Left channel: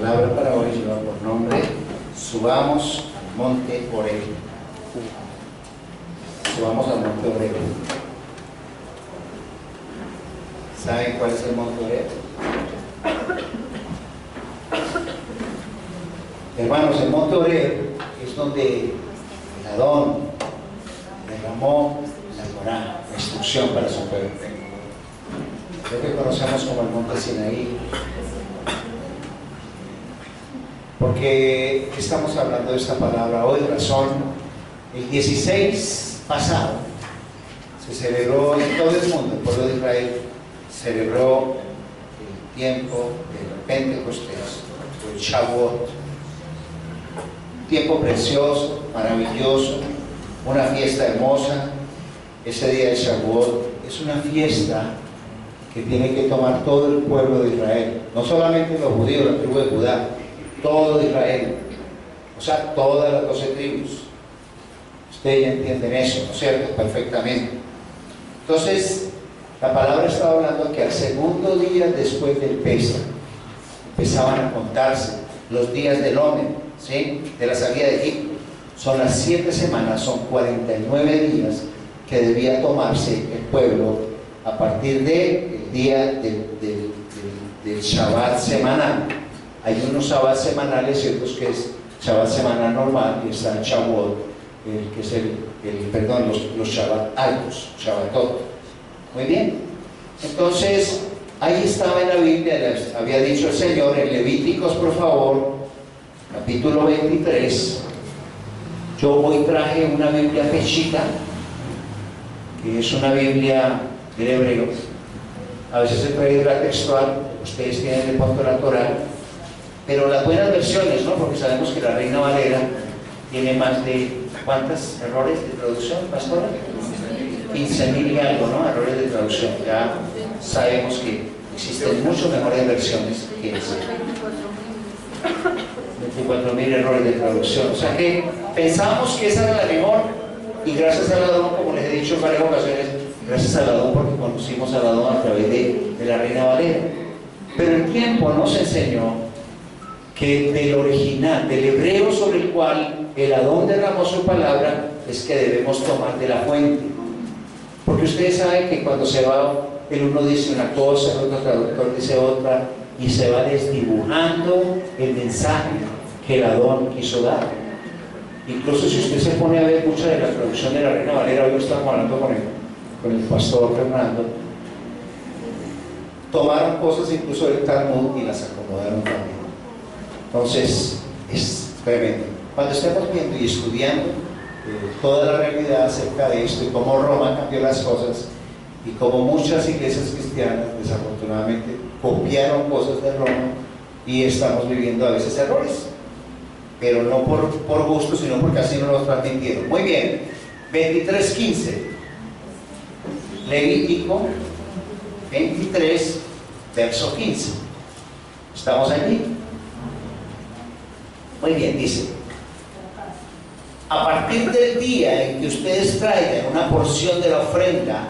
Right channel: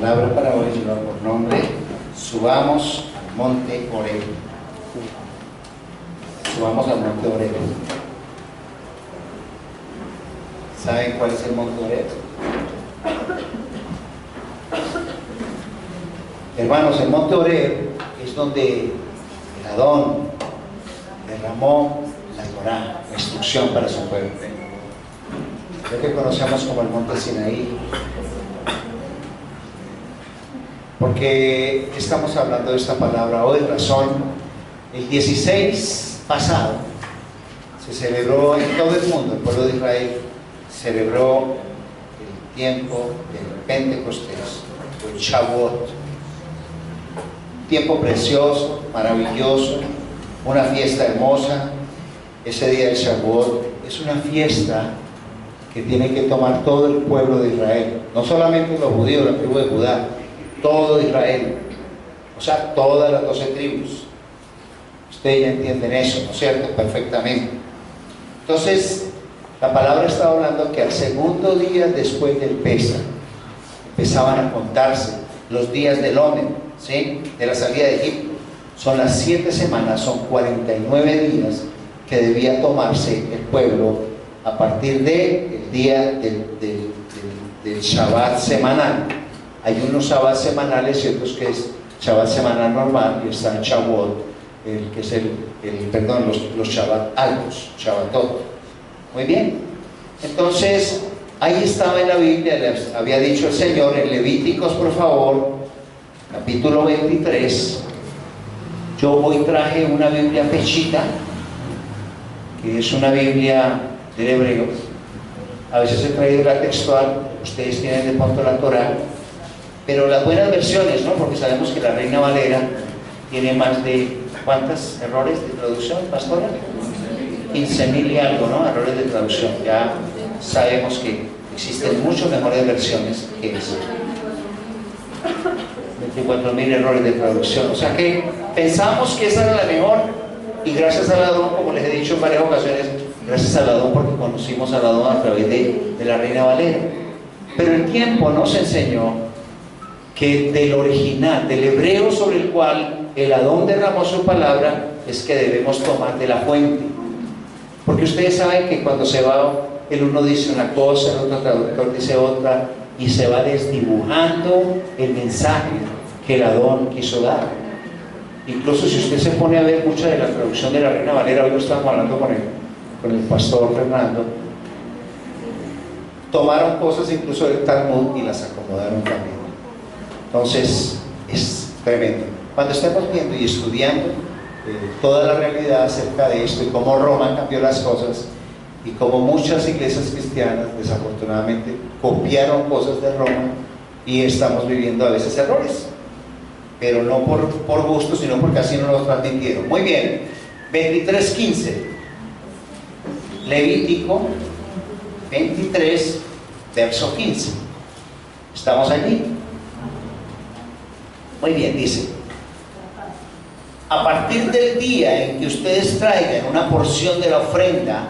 palabra para hoy lleva por nombre Subamos al monte Horeb. Subamos al monte Horeb. ¿Saben cuál es el monte Horeb? Hermanos, el monte Horeb es donde el Adón derramó la Torá, la instrucción para su pueblo. Lo que conocemos como el monte Sinaí. ¿Por qué estamos hablando de esta palabra hoy? Razón, el 16 pasado se celebró en todo el mundo, el pueblo de Israel celebró el tiempo del Pentecostés, o el Shavuot. Tiempo precioso, maravilloso, una fiesta hermosa. Ese día de Shavuot es una fiesta que tiene que tomar todo el pueblo de Israel, no solamente los judíos, la tribu de Judá, todo Israel, o sea, todas las 12 tribus. Ustedes ya entienden eso, ¿no es cierto? Perfectamente. Entonces, la palabra está hablando que al segundo día después del Pesaj empezaban a contarse los días del Omer, ¿sí? De la salida de Egipto. Son las 7 semanas, son 49 días que debía tomarse el pueblo a partir del día del Shabbat semanal. Hay unos Shabbat semanales y otros que es Shabbat semanal normal, y está el Shavuot, que es los Shabbat altos, Shabbatot. Muy bien. Entonces, ahí estaba en la Biblia, les había dicho el Señor en Levíticos, por favor, capítulo 23. Yo hoy traje una Biblia pechita, que es una Biblia del hebreo. A veces he traído la textual, ustedes tienen de pronto la Torá, pero las buenas versiones, ¿no? Porque sabemos que la Reina Valera tiene más de, ¿cuántos errores de traducción, pastora? 15.000 y algo, ¿no? Errores de traducción. Ya sabemos que existen mucho mejores versiones que esa. 24.000 errores de traducción. O sea que pensamos que esa era la mejor, y gracias al Adón, como les he dicho en varias ocasiones, gracias al Adón, porque conocimos al Adón a través de la Reina Valera. Pero el tiempo nos enseñó que del original, del hebreo sobre el cual el Adón derramó su palabra, es que debemos tomar de la fuente. Porque ustedes saben que cuando se va, el uno dice una cosa, el otro traductor dice otra, y se va desdibujando el mensaje que el Adón quiso dar. Incluso si usted se pone a ver mucha de la traducción de la Reina Valera, hoy lo estábamos hablando con el pastor Fernando, tomaron cosas incluso del Talmud y las acomodaron también. Entonces, es tremendo. Cuando estamos viendo y estudiando toda la realidad acerca de esto y cómo Roma cambió las cosas, y cómo muchas iglesias cristianas desafortunadamente copiaron cosas de Roma, y estamos viviendo a veces errores, pero no por gusto, sino porque así nos lo transmitieron. Muy bien, 23:15, Levítico 23, verso 15. ¿Estamos allí? Muy bien, dice: a partir del día en que ustedes traigan una porción de la ofrenda,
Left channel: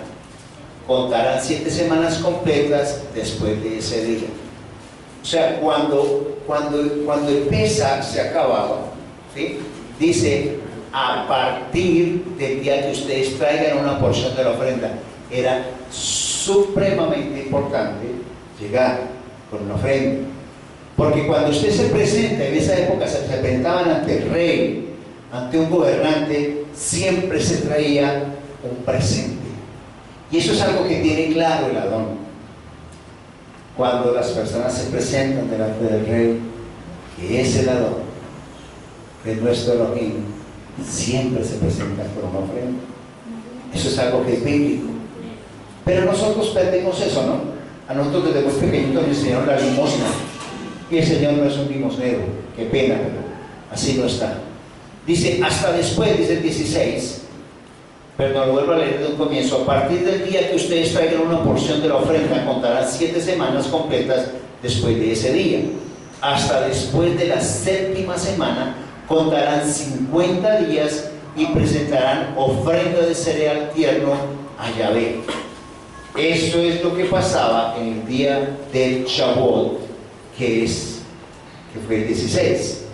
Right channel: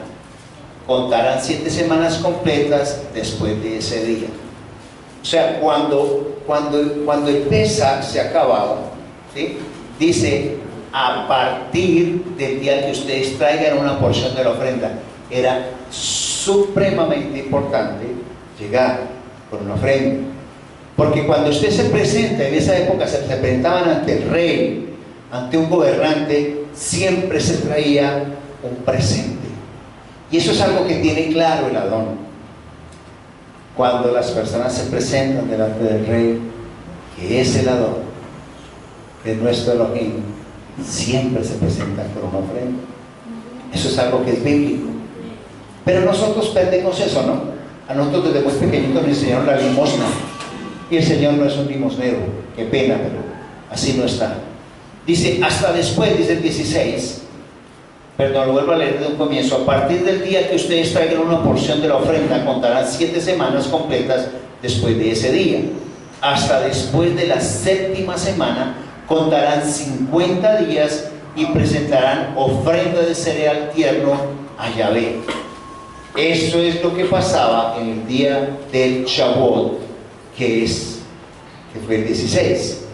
contarán 7 semanas completas después de ese día. O sea, cuando el Pesaj se acababa, ¿sí? Dice, a partir del día que ustedes traigan una porción de la ofrenda. Era supremamente importante llegar con una ofrenda, porque cuando usted se presenta, en esa época se presentaban ante el rey, ante un gobernante, siempre se traía un presente. Y eso es algo que tiene claro el Adón. Cuando las personas se presentan delante del rey, que es el Adón, que es nuestro Elohim, siempre se presentan con una ofrenda. Eso es algo que es bíblico. Pero nosotros perdemos eso, ¿no? A nosotros desde muy pequeñitos nos enseñaron la limosna, y el Señor no es un limosnero. Qué pena, pero así no está. Dice, hasta después, dice el 16, perdón, lo vuelvo a leer desde un comienzo: a partir del día que ustedes traigan una porción de la ofrenda, contarán 7 semanas completas después de ese día. Hasta después de la 7ª semana, contarán 50 días y presentarán ofrenda de cereal tierno a Yahvé. Eso es lo que pasaba en el día del Shavuot, que es que fue el 16.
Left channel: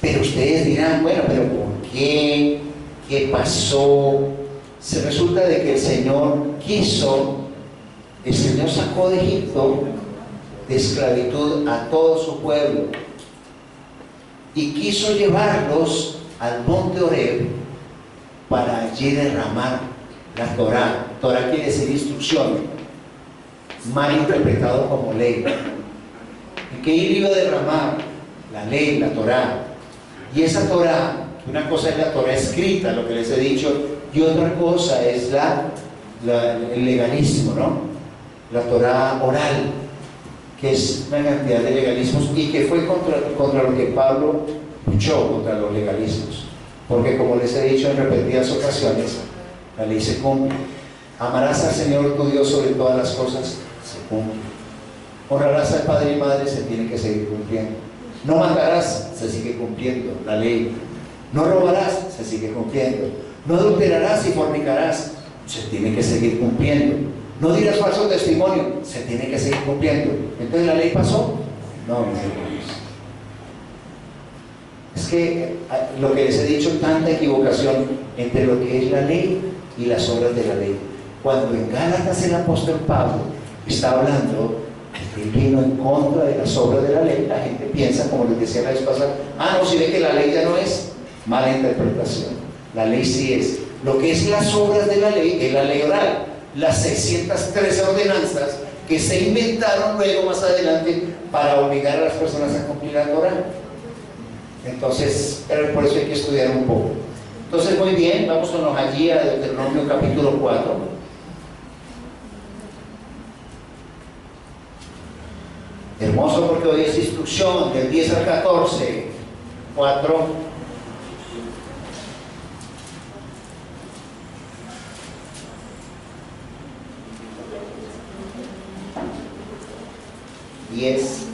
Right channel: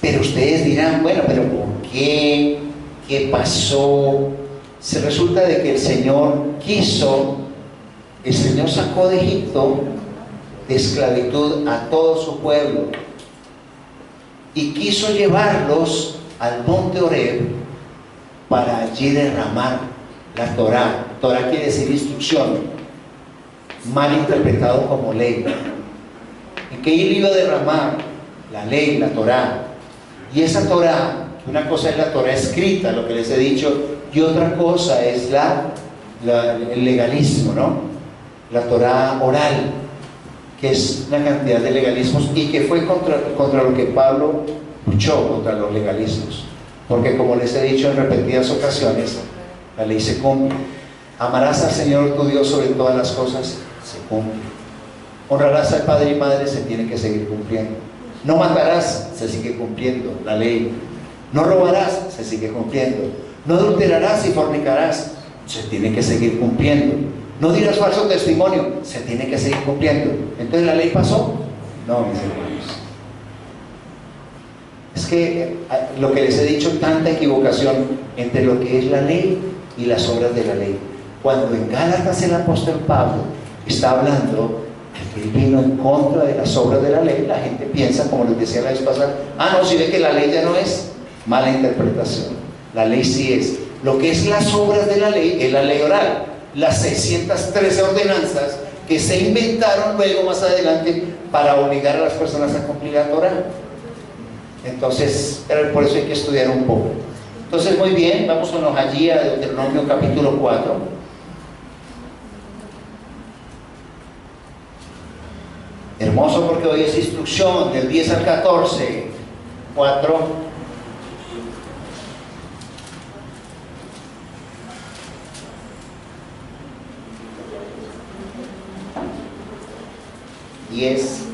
Pero ustedes dirán, bueno, pero ¿por qué? ¿Qué pasó? Se resulta de que el Señor sacó de Egipto de esclavitud a todo su pueblo y quiso llevarlos al monte Horeb para allí derramar la Torá. Torá quiere decir instrucción, mal interpretado como ley. ¿En qué él iba a derramar? La ley, la Torá. Y esa Torá, una cosa es la Torá escrita, lo que les he dicho, y otra cosa es el legalismo, ¿no? La Torá oral, que es una cantidad de legalismos y que fue contra lo que Pablo luchó, contra los legalismos. Porque como les he dicho en repetidas ocasiones, la ley se cumple. Amarás al Señor tu Dios sobre todas las cosas, se cumple. Honrarás al padre y madre, se tiene que seguir cumpliendo. No matarás, se sigue cumpliendo la ley. No robarás, se sigue cumpliendo. No adulterarás y fornicarás, se tiene que seguir cumpliendo. No dirás falso testimonio, se tiene que seguir cumpliendo. Entonces, ¿la ley pasó? No, mis hermanos. Es que lo que les he dicho, tanta equivocación entre lo que es la ley y las obras de la ley. Cuando en Gálatas el apóstol Pablo está hablando que él vino en contra de las obras de la ley, la gente piensa, como les decía la vez pasada, no, si ve que la ley ya no es, mala interpretación. La ley sí es. Lo que es las obras de la ley es la ley oral, las 613 ordenanzas que se inventaron luego más adelante para obligar a las personas a cumplir la Torá. Entonces, por eso hay que estudiar un poco. Entonces, muy bien, vámonos allí a Deuteronomio capítulo 4. Hermoso, porque hoy es instrucción del 10 al 14. 4.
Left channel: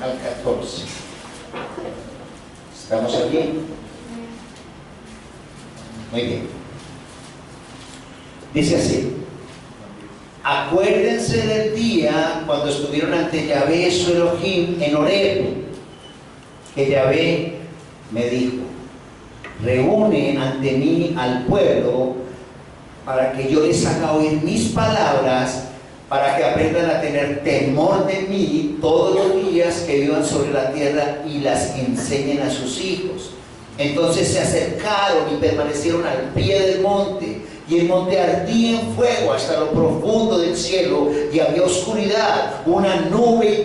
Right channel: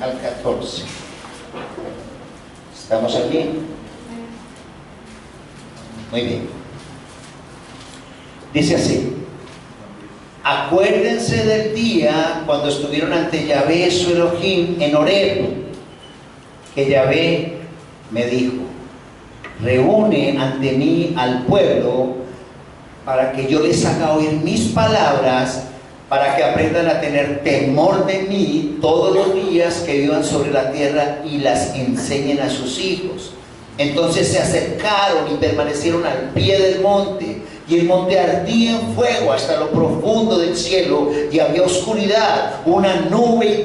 Al 14. ¿Estamos aquí? Muy bien. Dice así: acuérdense del día cuando estuvieron ante Yahvé su Elohim en Horeb, que Yahvé me dijo: reúne ante mí al pueblo para que yo les haga oír mis palabras, para que aprendan a tener temor de mí todos los días que vivan sobre la tierra y las enseñen a sus hijos. Entonces se acercaron y permanecieron al pie del monte, y el monte ardía en fuego hasta lo profundo del cielo, y había oscuridad, una nube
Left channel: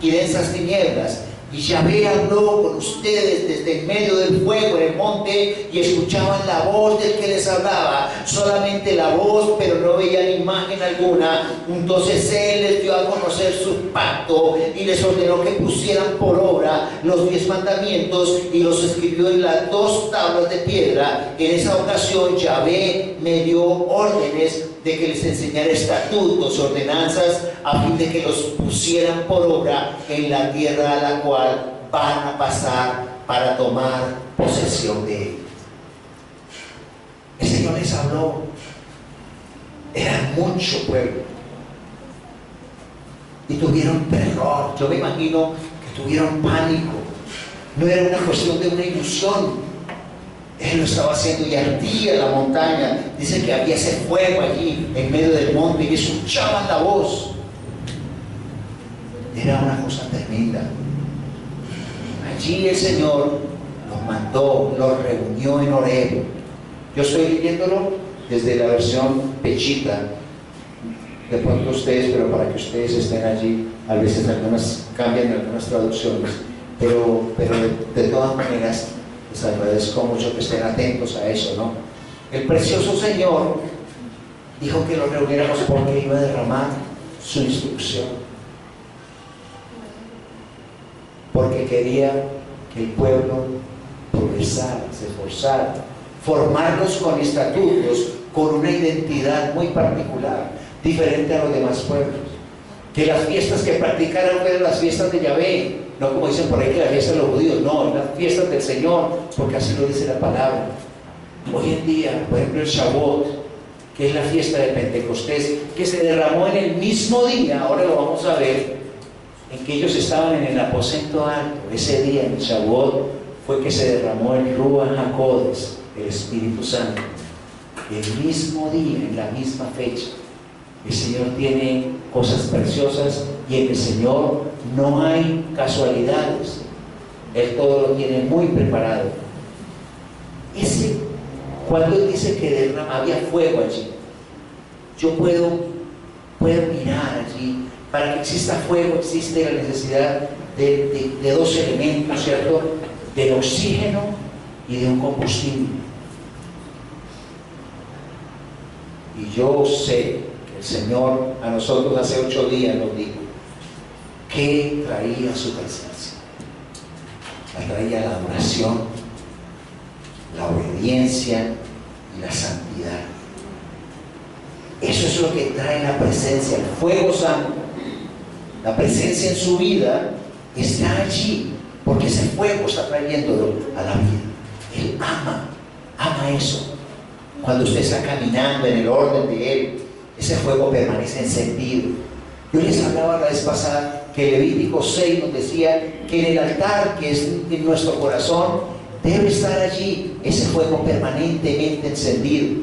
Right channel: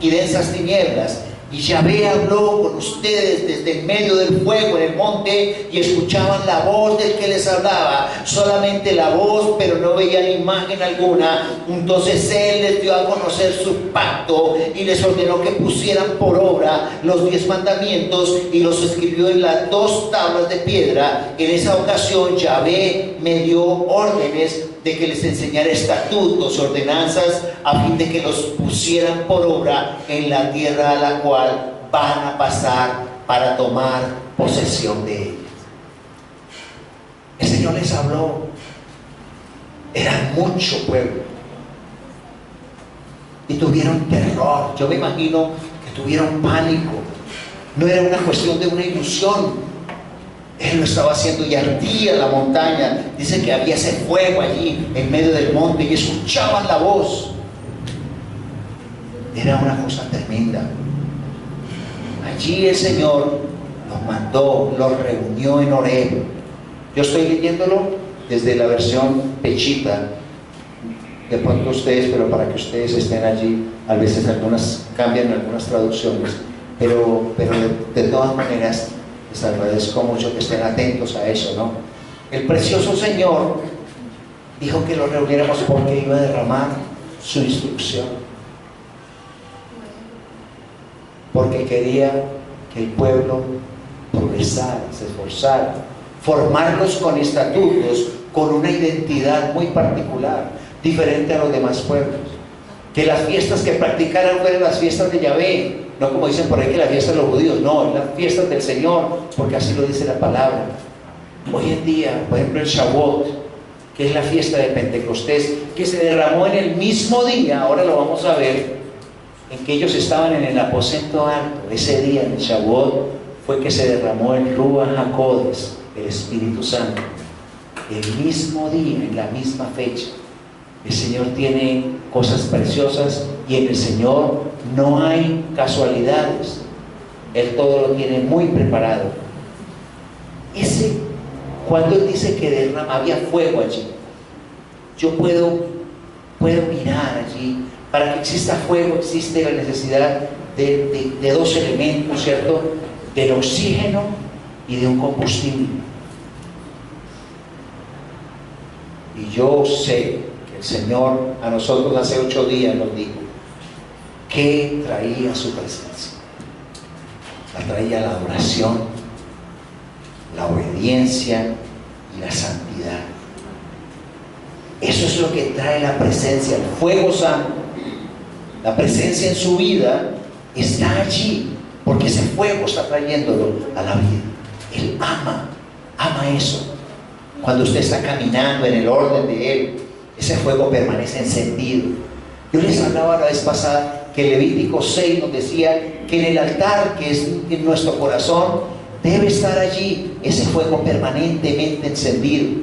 y densas tinieblas. Y Yahvé habló con ustedes desde el medio del fuego en el monte, y escuchaban la voz del que les hablaba, solamente la voz, pero no veían imagen alguna. Entonces él les dio a conocer su pacto y les ordenó que pusieran por obra los 10 mandamientos y los escribió en las 2 tablas de piedra. En esa ocasión Yahvé me dio órdenes de que les enseñara estatutos, ordenanzas, a fin de que los pusieran por obra en la tierra a la cual van a pasar para tomar posesión de ella. El Señor les habló. Era mucho pueblo y tuvieron terror. Yo me imagino que tuvieron pánico. No era una cuestión de una ilusión. Él lo estaba haciendo y ardía la montaña. Dice que había ese fuego allí en medio del monte y escuchaban la voz. Era una cosa tremenda. Allí el Señor los mandó, los reunió en Horeb. Yo estoy leyéndolo desde la versión pechita. De pronto ustedes, pero para que ustedes estén allí, a veces algunas cambian algunas traducciones, pero de todas maneras les agradezco mucho que estén atentos a eso, ¿no? El precioso Señor dijo que lo reuniéramos porque iba a derramar su instrucción, porque quería que el pueblo progresara, se esforzara, formarlos con estatutos, con una identidad muy particular, diferente a los demás pueblos. Que las fiestas que practicaran fueran las fiestas de Yahvé, no como dicen por ahí que las fiestas de los judíos, no, las fiestas del Señor, porque así lo dice la palabra. Hoy en día, por ejemplo, el Shavuot, que es la fiesta de Pentecostés, que se derramó en el mismo día, ahora lo vamos a ver, en que ellos estaban en el aposento alto, ese día en Shavuot, fue que se derramó el Ruach HaKodesh, el Espíritu Santo. El mismo día, en la misma fecha. El Señor tiene cosas preciosas y en el Señor no hay casualidades. Él todo lo tiene muy preparado. Cuando Él dice que había fuego allí, yo puedo mirar allí. Para que exista fuego existe la necesidad de dos elementos, ¿cierto? Del oxígeno y de un combustible. Y yo sé que el Señor a nosotros hace 8 días nos dijo que traía su presencia. La traía la adoración, la obediencia y la santidad. Eso es lo que trae la presencia, el fuego santo. La presencia en su vida está allí, porque ese fuego está trayéndolo a la vida. Él ama eso. Cuando usted está caminando en el orden de Él, ese fuego permanece encendido. Yo les hablaba la vez pasada que Levítico 6 nos decía que en el altar, que es en nuestro corazón, debe estar allí ese fuego permanentemente encendido.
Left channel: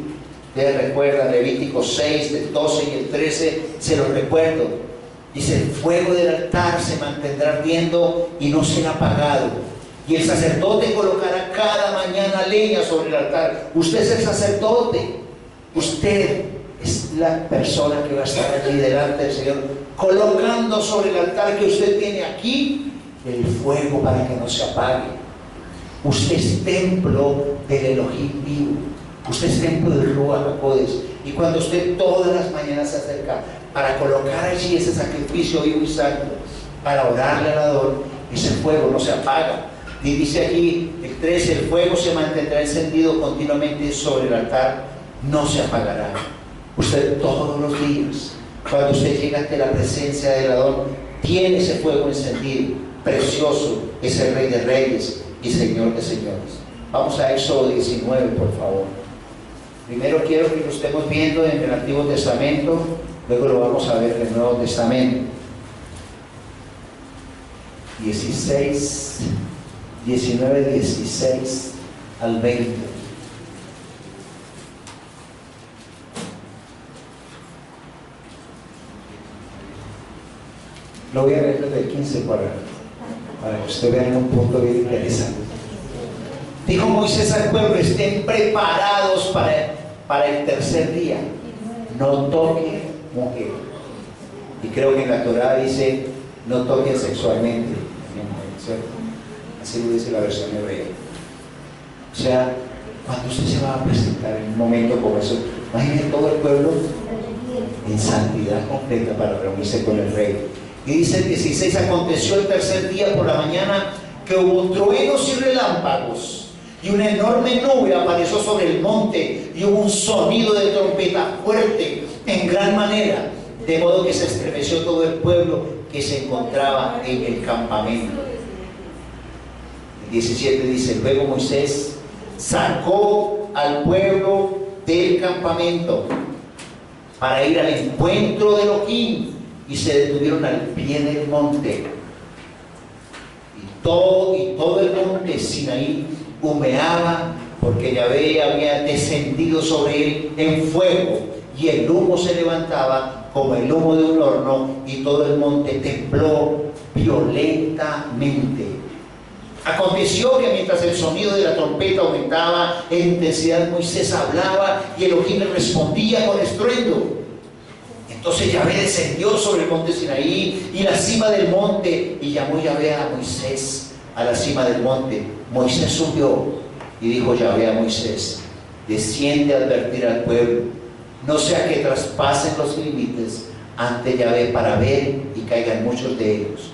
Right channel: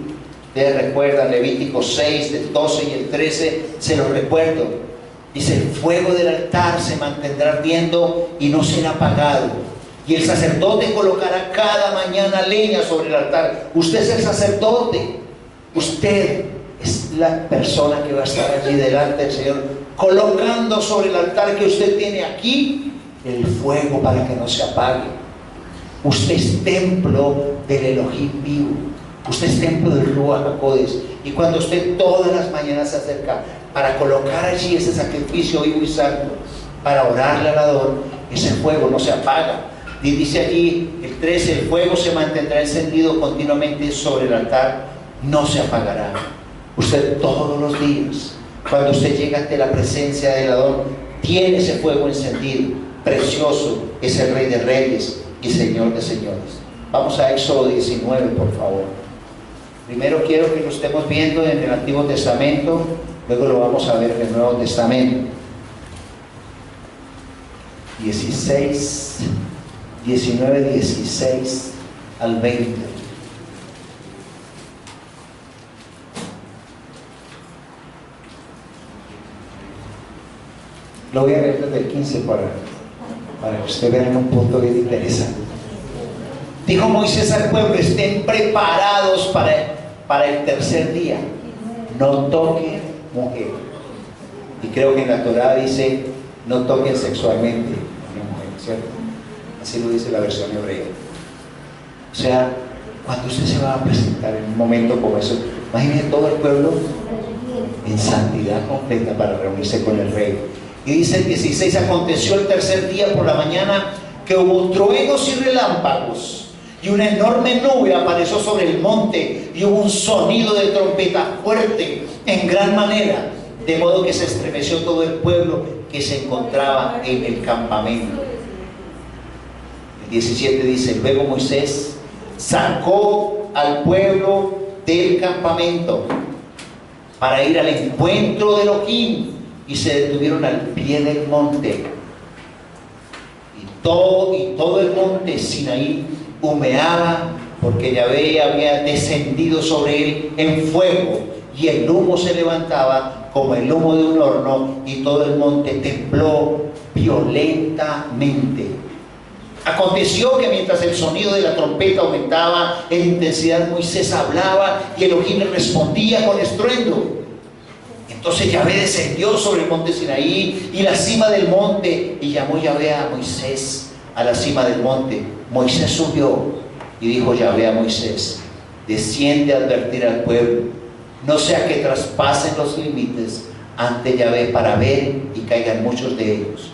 Ustedes recuerdan Levítico 6, del 12 y el 13, se los recuerdo. Dice: el fuego del altar se mantendrá ardiendo y no será apagado. Y el sacerdote colocará cada mañana leña sobre el altar. Usted es el sacerdote. Usted es la persona que va a estar allí delante del Señor, colocando sobre el altar que usted tiene aquí el fuego para que no se apague. Usted es templo del Elohim vivo. Usted es templo del Ruach HaKodesh. Y cuando usted todas las mañanas se acerca para colocar allí ese sacrificio vivo y santo, para orarle al Ador, ese fuego no se apaga. Y dice allí el 13: el fuego se mantendrá encendido continuamente sobre el altar, no se apagará. Usted todos los días, cuando usted llega ante la presencia del Ador, tiene ese fuego encendido. Precioso es el Rey de Reyes y Señor de Señores. Vamos a Éxodo 19, por favor. Primero quiero que lo estemos viendo en el Antiguo Testamento, luego lo vamos a ver en el Nuevo Testamento. 19, 16 al 20. Lo voy a leer desde el 15 para que usted vea en un punto bien interesante. Dijo Moisés al pueblo: estén preparados para el tercer día. No toquen mujer. Y creo que en la Torá dice: no toquen sexualmente, ¿cierto? Así lo dice la versión hebrea. O sea, cuando usted se va a presentar en un momento como eso, imagínese todo el pueblo en santidad completa para reunirse con el rey. Y dice el 16: aconteció el tercer día por la mañana que hubo truenos y relámpagos, y una enorme nube apareció sobre el monte, y hubo un sonido de trompeta fuerte en gran manera, de modo que se estremeció todo el pueblo que se encontraba en el campamento. El 17 dice: luego Moisés sacó al pueblo del campamento para ir al encuentro de Elohim, y se detuvieron al pie del monte, y todo el monte Sinaí humeaba, porque Yahvé había descendido sobre él en fuego, y el humo se levantaba como el humo de un horno, y todo el monte tembló violentamente. Aconteció que mientras el sonido de la trompeta aumentaba en intensidad, Moisés hablaba y Elohim le respondía con estruendo. Entonces Yahvé descendió sobre el monte Sinaí y la cima del monte, y llamó Yahvé a Moisés a la cima del monte. Moisés subió y dijo Yahvé a Moisés: desciende a advertir al pueblo, no sea que traspasen los límites ante Yahvé para ver y caigan muchos de ellos,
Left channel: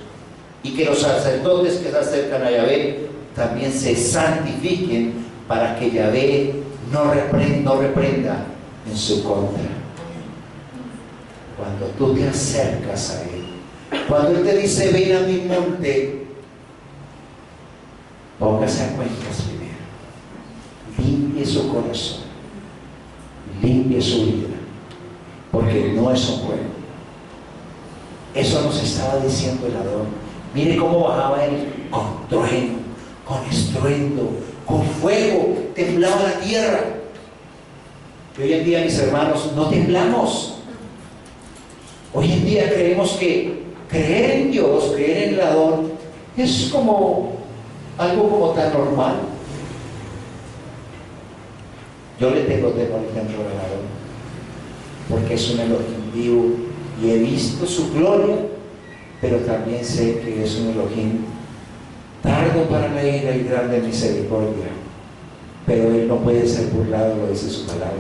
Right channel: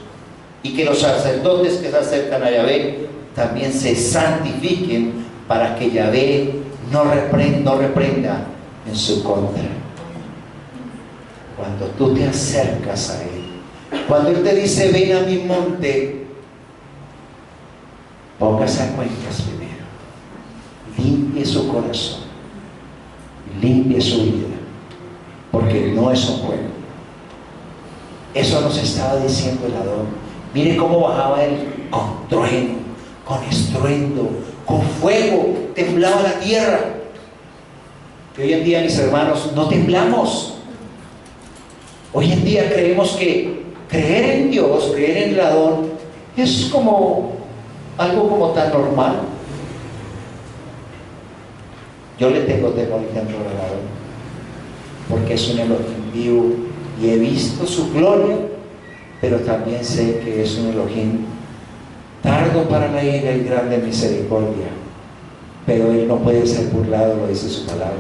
y que los sacerdotes que se acercan a Yahvé también se santifiquen, para que Yahvé no reprenda en su contra. Cuando tú te acercas a Él, cuando Él te dice: ven a mi monte, póngase a cuentas primero, limpie su corazón, limpie su vida, porque no es un juego. Eso nos estaba diciendo el Adón. Mire cómo bajaba él con trueno, con estruendo, con fuego, temblaba la tierra. Y hoy en día, mis hermanos, no temblamos. Hoy en día creemos que creer en Dios, creer en el Adón, es como algo como tan normal. Yo le tengo temor al templo del Adón, porque es un Elohim vivo y he visto su gloria, pero también sé que es un Elohim tardo para la ira y grande en misericordia, pero Él no puede ser burlado, lo dice su palabra.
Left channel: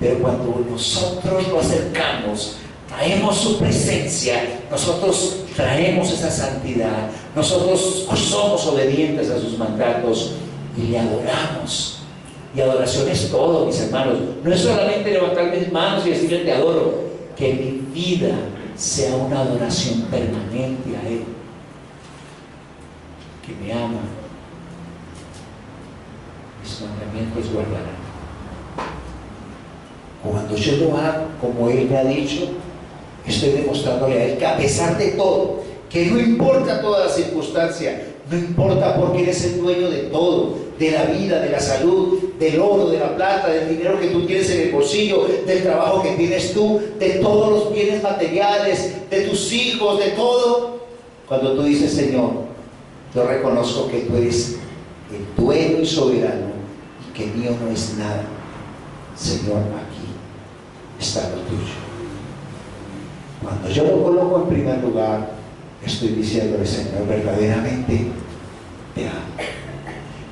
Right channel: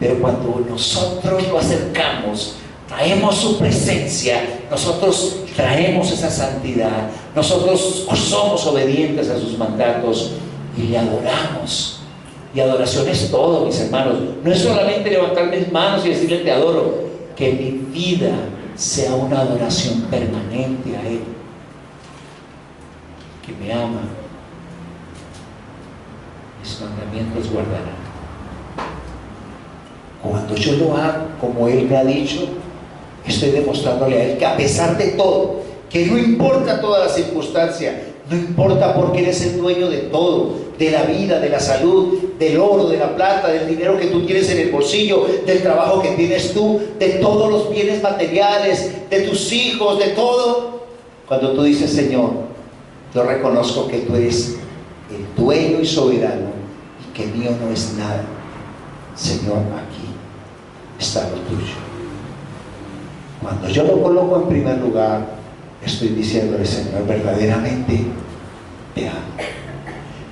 Pero cuando nosotros lo acercamos, traemos su presencia, nosotros traemos esa santidad, nosotros somos obedientes a sus mandatos y le adoramos. Y adoración es todo, mis hermanos. No es solamente levantar mis manos y decirle te adoro, que mi vida sea una adoración permanente a Él, que me ama, mis mandamientos guardarán. Cuando yo lo hago como Él me ha dicho, estoy demostrándole a Él que a pesar de todo, que no importa toda la circunstancia, no importa porque eres el dueño de todo, de la vida, de la salud, del oro, de la plata, del dinero que tú tienes en el bolsillo, del trabajo que tienes tú, de todos los bienes materiales, de tus hijos, de todo. Cuando tú dices, Señor, yo reconozco que tú eres el dueño y soberano y que mío no es nada. Señor, aquí está lo tuyo. Cuando yo lo coloco en primer lugar, estoy diciéndole, Señor, verdaderamente te amo.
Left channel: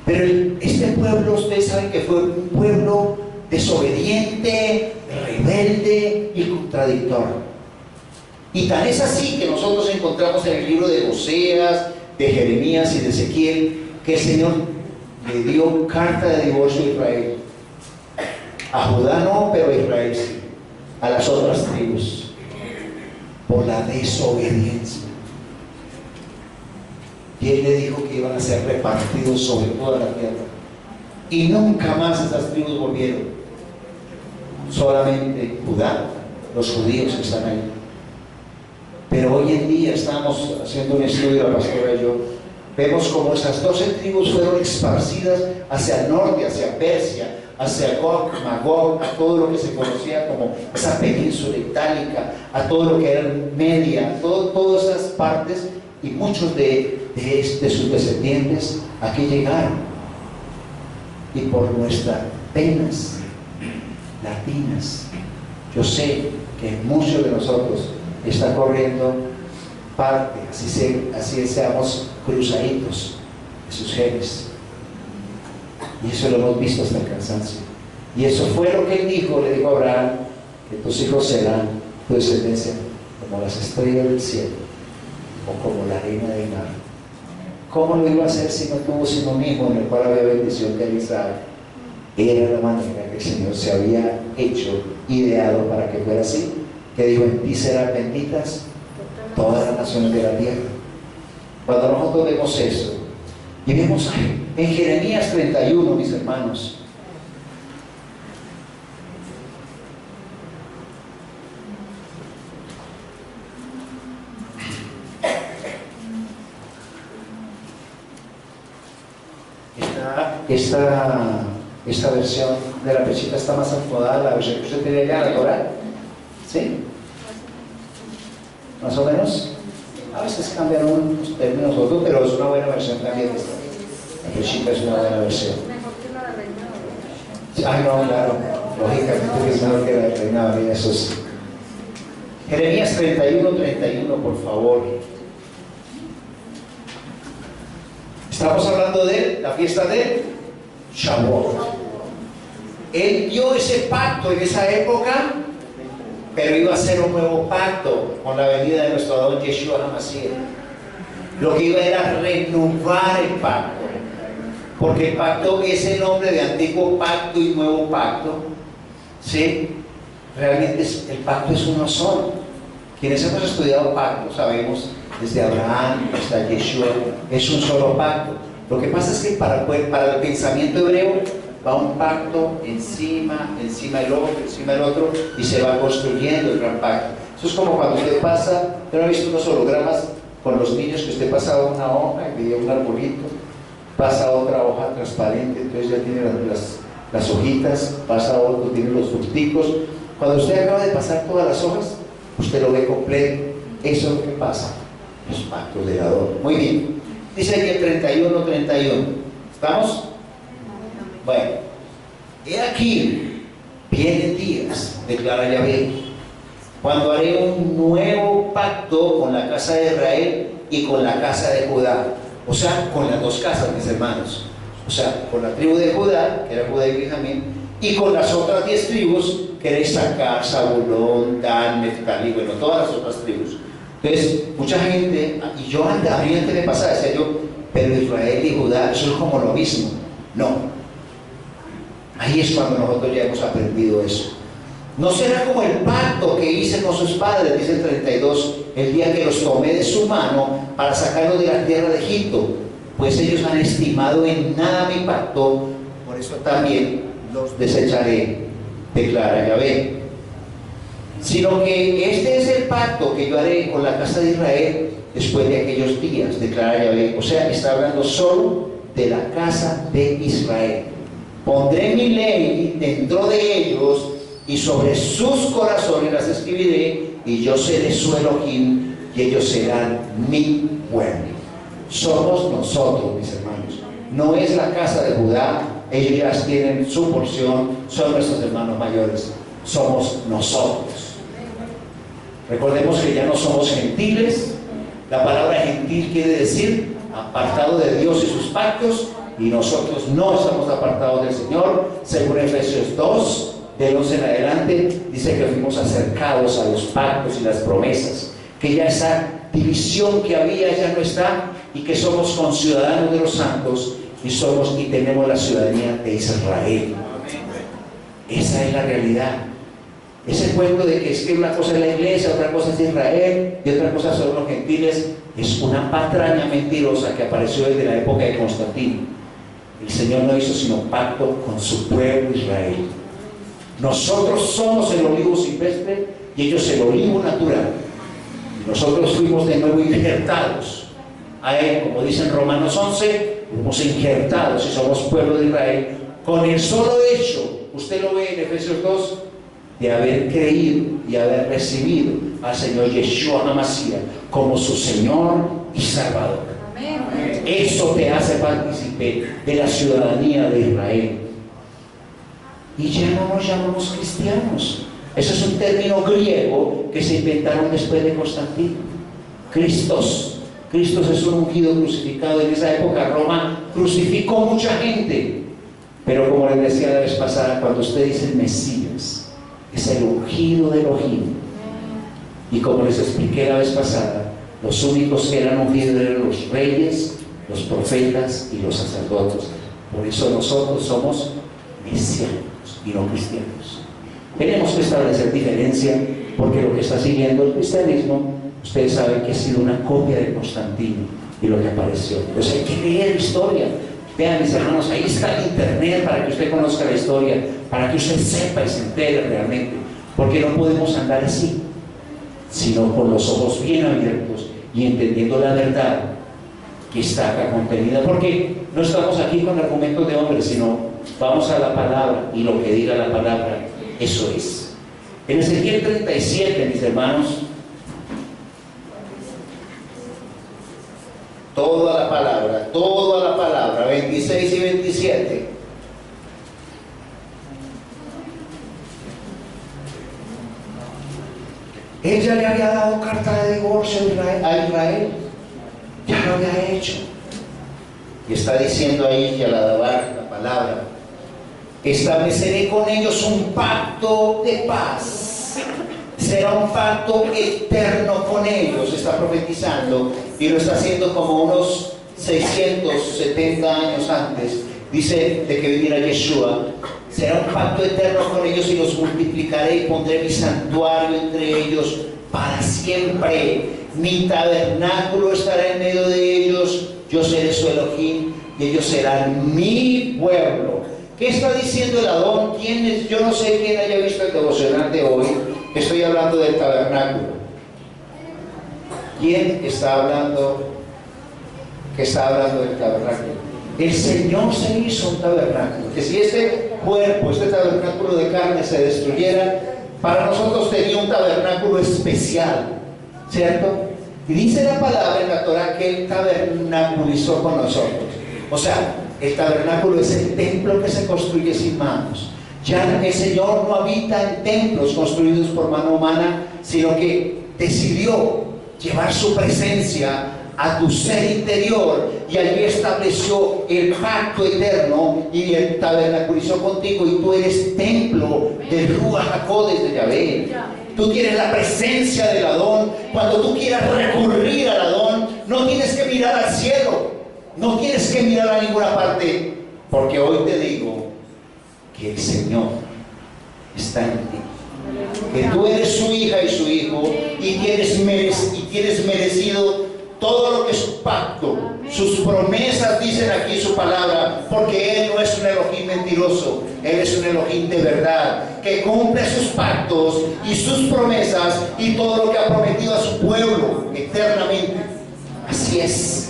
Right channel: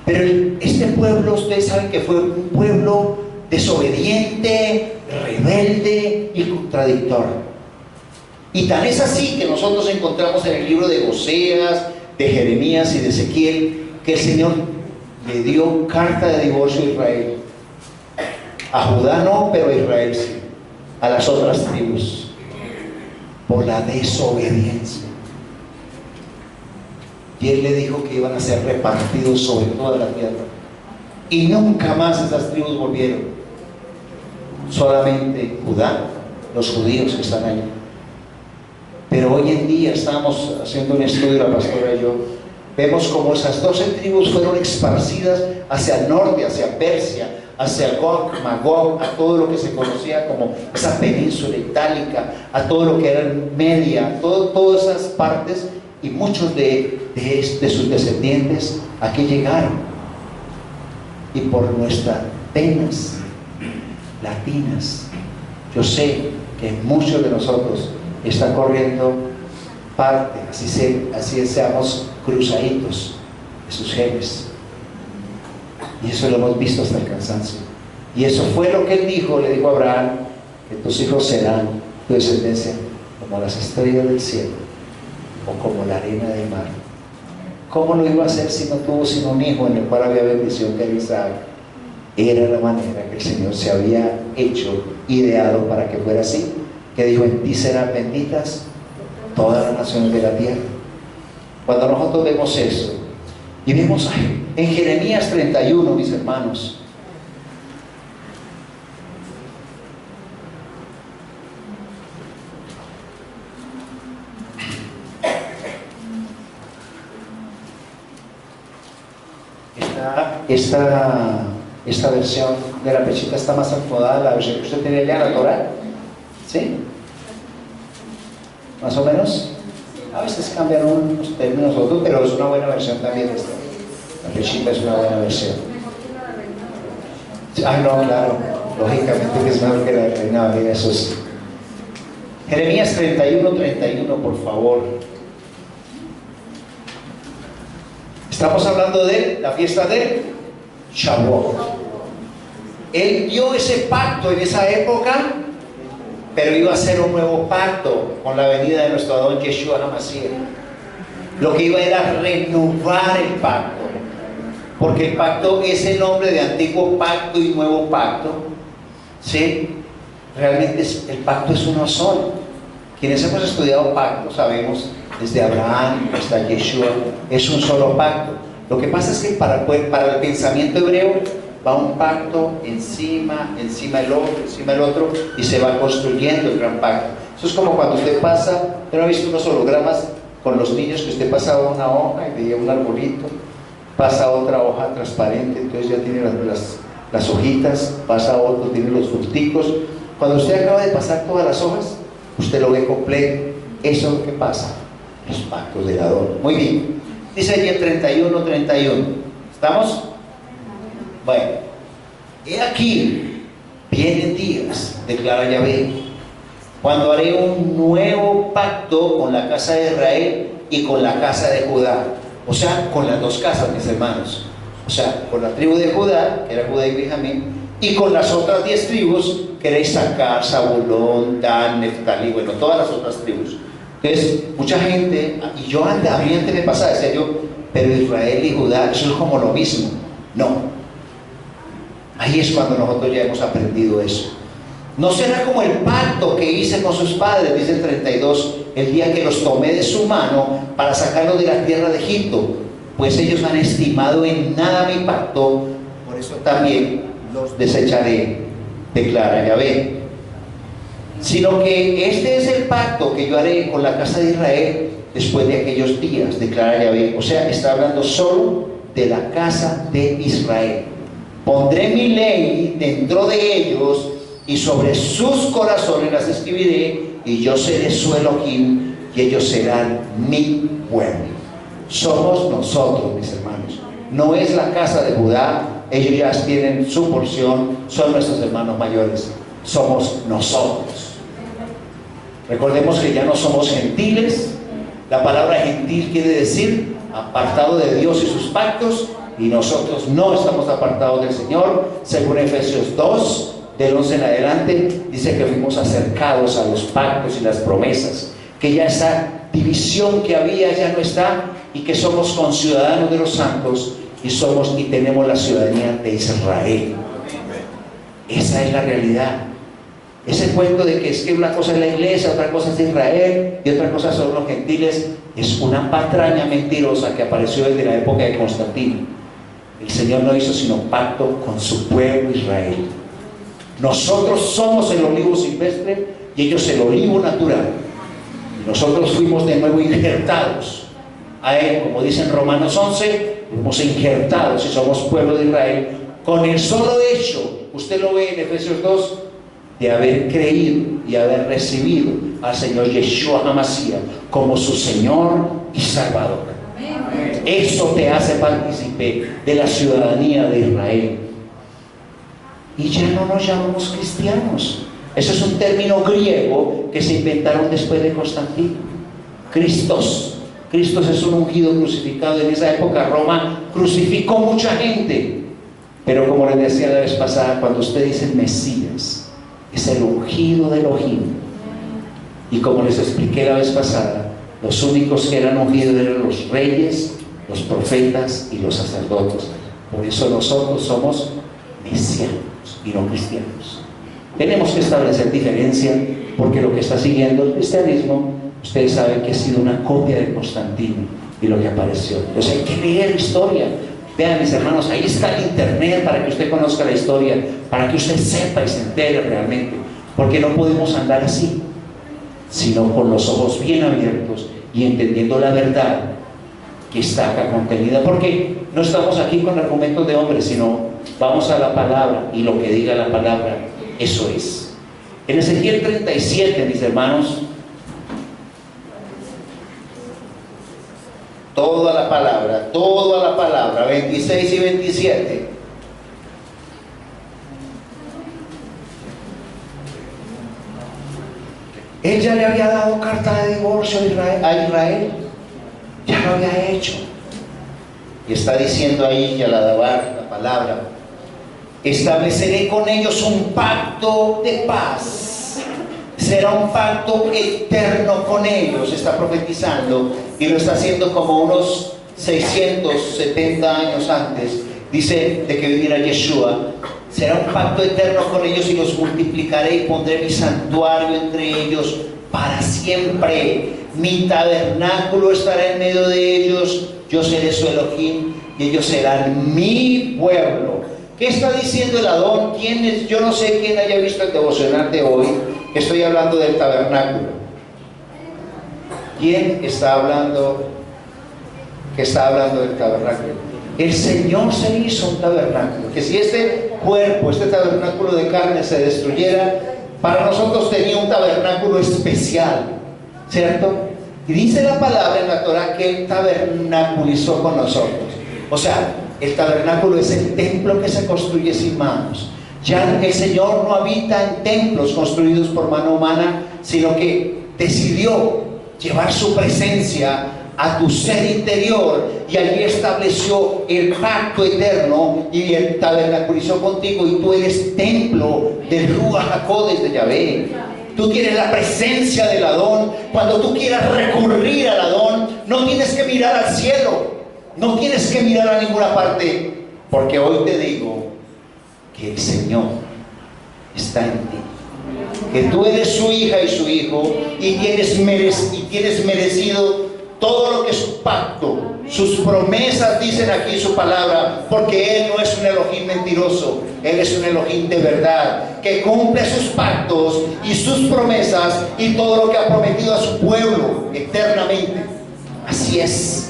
Pero este pueblo, ustedes saben que fue un pueblo desobediente, rebelde y contradictorio. Y tan es así que nosotros encontramos en el libro de Oseas, de Jeremías y de Ezequiel, que el Señor le dio carta de divorcio a Israel. A Judá no, pero a Israel sí. A las otras tribus, por la desobediencia. Y Él le dijo que iban a ser repartidos sobre toda la tierra. Y nunca más esas tribus volvieron. Solamente Judá, los judíos que están ahí. Pero hoy en día estamos haciendo un estudio, la pastora y yo, vemos como esas 12 tribus fueron esparcidas hacia el norte, hacia Persia, hacia Gog, Magog, a todo lo que se conocía como esa península itálica, a todo lo que era Media, todas esas partes, y muchos de sus descendientes aquí llegaron. Y por nuestras penas latinas, yo sé que muchos de nosotros está corriendo parte, así seamos cruzaditos de sus genes. Y eso lo hemos visto hasta el cansancio. Y eso fue lo que Él dijo, le dijo a Abraham, que tus hijos serán, tu descendencia, como las estrellas del cielo, o como la arena del mar. ¿Cómo lo iba a hacer si no tuvo sino un hijo en el cual había bendición, que era Isaac? Era la manera que el Señor se había hecho, ideado para que fuera así, que dijo, en ti serán benditas todas las naciones de la tierra. Cuando nosotros vemos eso, y vemos en Jeremías 31, mis hermanos, esta versión de la pechita está más acomodada, la versión que usted tiene allá en la Torah, ¿sí? Más o menos. A veces cambian unos términos otros, pero es una buena versión también esta. La pechita es una buena versión. Ah, no, claro, lógicamente que es mejor que la de Reina María, eso es. Jeremías 31, por favor. Estamos hablando de la fiesta de Shavuot. Él dio ese pacto en esa época, pero iba a ser un nuevo pacto con la venida de nuestro Adón Yeshua HaMashiach. Lo que iba era renovar el pacto, porque el pacto es el nombre de antiguo pacto y nuevo pacto, ¿sí? Realmente el pacto es uno solo. Quienes hemos estudiado pacto sabemos, desde Abraham hasta Yeshua, es un solo pacto. Lo que pasa es que para el pensamiento hebreo va un pacto encima el otro, y se va construyendo el gran pacto. Eso es como cuando usted pasa, ¿usted no ha visto unos hologramas con los niños que usted pasaba una hoja y veía un arbolito, pasa otra hoja transparente, entonces ya tiene las hojitas, pasa otro, tiene los fruticos. Cuando usted acaba de pasar todas las hojas, usted lo ve completo. Eso es lo que pasa, los pactos del Adón. Muy bien, dice aquí el 31:31. ¿Estamos? Bueno, he aquí, vienen días, declara Yahvé, cuando haré un nuevo pacto con la casa de Israel y con la casa de Judá. O sea, con las dos casas, mis hermanos. O sea, con la tribu de Judá, que era Judá y Benjamín, y con las otras 10 tribus, que era Isaacar, Zabulón, Dan, Neftalí, bueno, todas las otras tribus. Entonces, mucha gente, y yo a mí antes me pasaba, decía yo, pero Israel y Judá, eso es como lo mismo. No. Ahí es cuando nosotros ya hemos aprendido eso. No será como el pacto que hice con sus padres, dice el 32, el día que los tomé de su mano para sacarlos de la tierra de Egipto, pues ellos han estimado en nada mi pacto, por eso también los desecharé, declara Yahvé. Sino que este es el pacto que yo haré con la casa de Israel después de aquellos días, declara Yahvé. O sea, está hablando solo de la casa de Israel. Pondré mi ley dentro de ellos y sobre sus corazones las escribiré, y yo seré su Elohim y ellos serán mi pueblo. Somos nosotros, mis hermanos. No es la casa de Judá, ellos ya tienen su porción, son nuestros hermanos mayores. Somos nosotros. Recordemos que ya no somos gentiles. La palabra gentil quiere decir apartado de Dios y sus pactos, y nosotros no estamos apartados del Señor. Según Efesios 2, del 11 en adelante, dice que fuimos acercados a los pactos y las promesas, que ya esa división que había ya no está, y que somos conciudadanos de los santos y tenemos la ciudadanía de Israel. Esa es la realidad. Ese cuento de que es que una cosa es la iglesia, otra cosa es Israel y otra cosa son los gentiles, es una patraña mentirosa que apareció desde la época de Constantino. El Señor no hizo sino pacto con su pueblo Israel. Nosotros somos el olivo silvestre y ellos el olivo natural. Nosotros fuimos de nuevo injertados a Él, como dice en Romanos 11, fuimos injertados y somos pueblo de Israel con el solo hecho, usted lo ve en Efesios 2, de haber creído y haber recibido al Señor Yeshua HaMashiach como su Señor y Salvador. Amén. Eso te hace partícipe de la ciudadanía de Israel. Y ya no nos llamamos cristianos. Eso es un término griego que se inventaron después de Constantino. Cristos. Cristos es un ungido crucificado. En esa época Roma crucificó mucha gente. Pero como les decía la vez pasada, cuando usted dice Mesías, es el ungido de Elohim. Y como les expliqué la vez pasada, los únicos que eran ungidos eran los reyes, los profetas y los sacerdotes. Por eso nosotros somos mesiánicos y no cristianos. Tenemos que establecer diferencia, porque lo que está siguiendo el cristianismo, ustedes saben que ha sido una copia de Constantino y lo que apareció. Entonces hay que leer historia. Vean, mis hermanos, ahí está el internet para que usted conozca la historia, para que usted sepa y se entere realmente, porque no podemos andar así, sino con los ojos bien abiertos y entendiendo la verdad que está acá contenida, porque no estamos aquí con argumentos de hombres, sino vamos a la palabra, y lo que diga la palabra, eso es. En Ezequiel 37, mis hermanos, toda la palabra, 26 y 27. Él ya le había dado carta de divorcio a Israel, ya lo había hecho. Y está diciendo ahí Yaladabar, la palabra: estableceré con ellos un pacto de paz. Será un pacto eterno con ellos. Está profetizando y lo está haciendo como unos 670 años antes. Dice de que viviera Yeshua. Será un pacto eterno con ellos y los multiplicaré y pondré mi santuario entre ellos para siempre. Mi tabernáculo estará en medio de ellos. Yo seré su Elohim y ellos serán mi pueblo. ¿Qué está diciendo el Adón? ¿Quién es? Yo no sé quién haya visto el devocional de hoy, Estoy hablando del tabernáculo. ¿Quién está hablando que está hablando del tabernáculo? El Señor se hizo un tabernáculo, que si este cuerpo, este tabernáculo de carne se destruyera, para nosotros tenía un tabernáculo especial, ¿cierto? Y dice la palabra en la Torah que Él tabernaculizó con nosotros. O sea, el tabernáculo es el templo que se construye sin manos. Ya el Señor no habita en templos construidos por mano humana, sino que decidió llevar su presencia a tu ser interior, y allí estableció el pacto eterno y el tabernaculizó contigo, y tú eres templo del Ruach HaKodesh de Yahvé. Tú tienes la presencia del Adón. Cuando tú quieras recurrir al Adón, no tienes que mirar al cielo, no tienes que mirar a ninguna parte, porque hoy te digo que el Señor está en ti, que tú eres su hija y su hijo, y tienes merecido todo lo que es su pacto, sus promesas, dicen aquí su palabra, porque Él no es un Elohim mentiroso, Él es un Elohim de verdad, que cumple sus pactos y sus promesas y todo lo que ha prometido a su pueblo eternamente. Así es,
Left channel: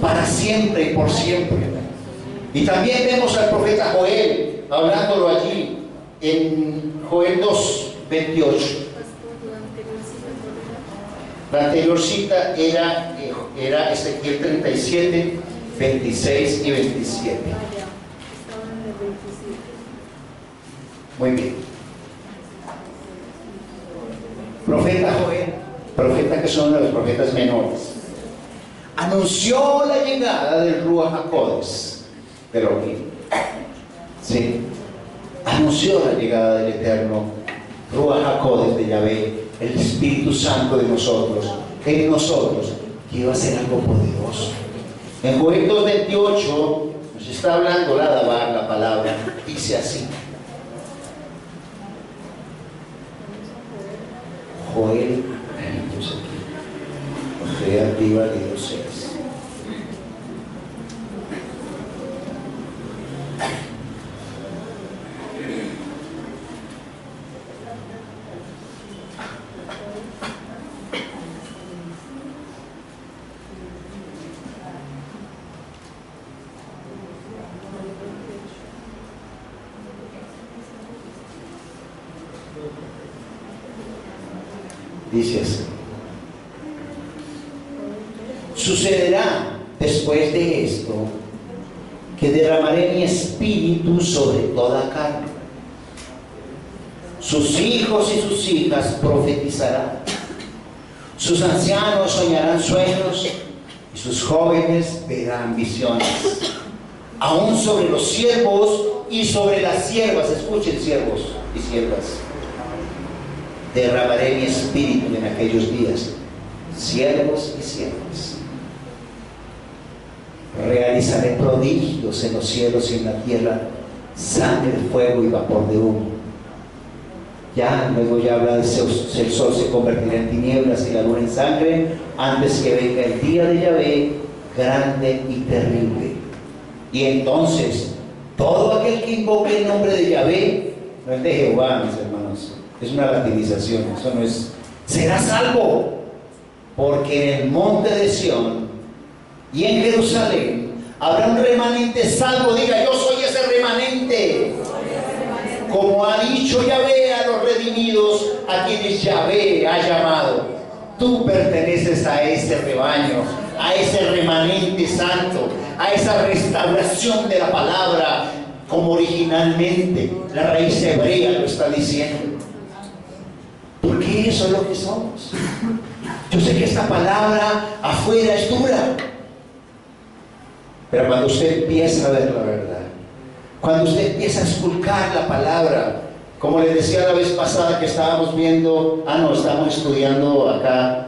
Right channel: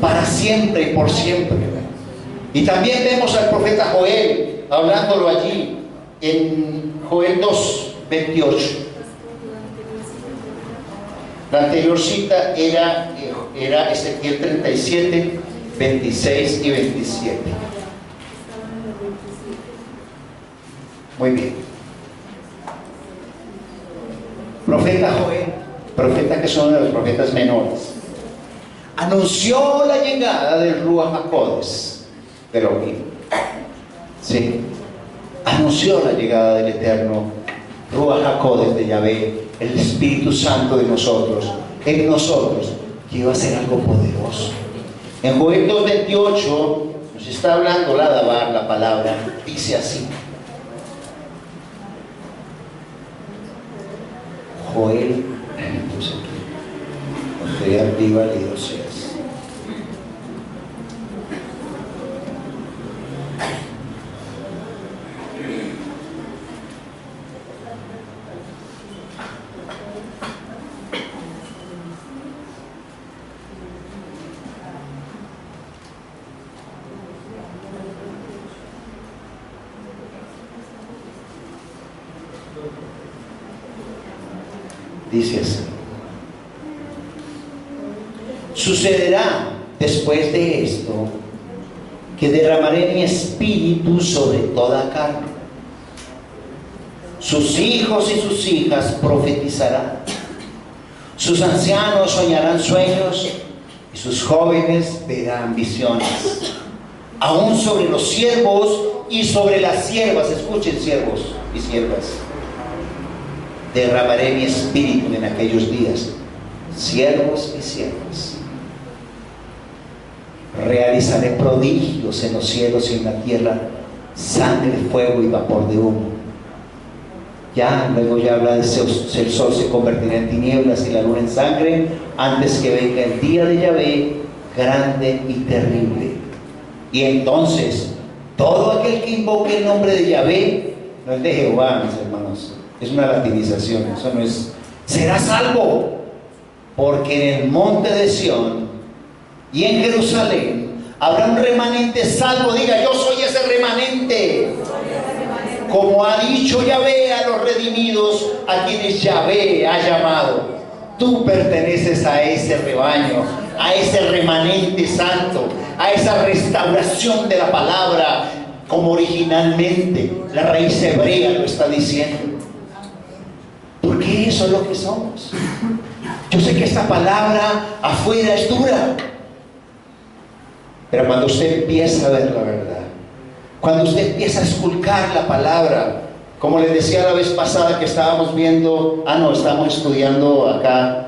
para siempre y por siempre. Y también vemos al profeta Joel hablándolo allí en Joel 2:28. La anterior cita era Ezequiel 37, 26 y 27. Muy bien. Profeta Joel, profeta que son uno de los profetas menores, anunció la llegada del Ruach HaKodesh, pero sí, anunció la llegada del eterno Ruach HaKodesh de Yahvé, el Espíritu Santo de nosotros, en nosotros, que iba a ser algo poderoso. En Joel 2:28 nos está hablando la palabra, dice así. Joel, estoy arriba de 2:6. Dice así: sucederá después de esto que derramaré mi espíritu sobre toda carne. Sus hijos y sus hijas profetizarán, sus ancianos soñarán sueños y sus jóvenes verán visiones. Aún sobre los siervos y sobre las siervas, escuchen siervos y siervas, derramaré mi espíritu en aquellos días, siervos y siervas. Realizaré prodigios en los cielos y en la tierra, sangre, fuego y vapor de humo. Luego ya habla de el sol se convertirá en tinieblas y la luna en sangre, antes que venga el día de Yahvé, grande y terrible. Y entonces, todo aquel que invoque el nombre de Yahvé, no es de Jehová, mis hermanos, es una latinización, eso no es, será salvo, porque en el monte de Sión y en Jerusalén habrá un remanente salvo. Diga: yo soy ese remanente. Como ha dicho Yahvé a los redimidos, a quienes Yahvé ha llamado. Tú perteneces a ese rebaño, a ese remanente santo, a esa restauración de la palabra, como originalmente la raíz hebrea lo está diciendo. Porque eso es lo que somos. Yo sé que esta palabra afuera es dura, pero cuando usted empieza a ver la verdad, cuando usted empieza a esculcar la palabra, como les decía la vez pasada que estábamos viendo, estábamos estudiando acá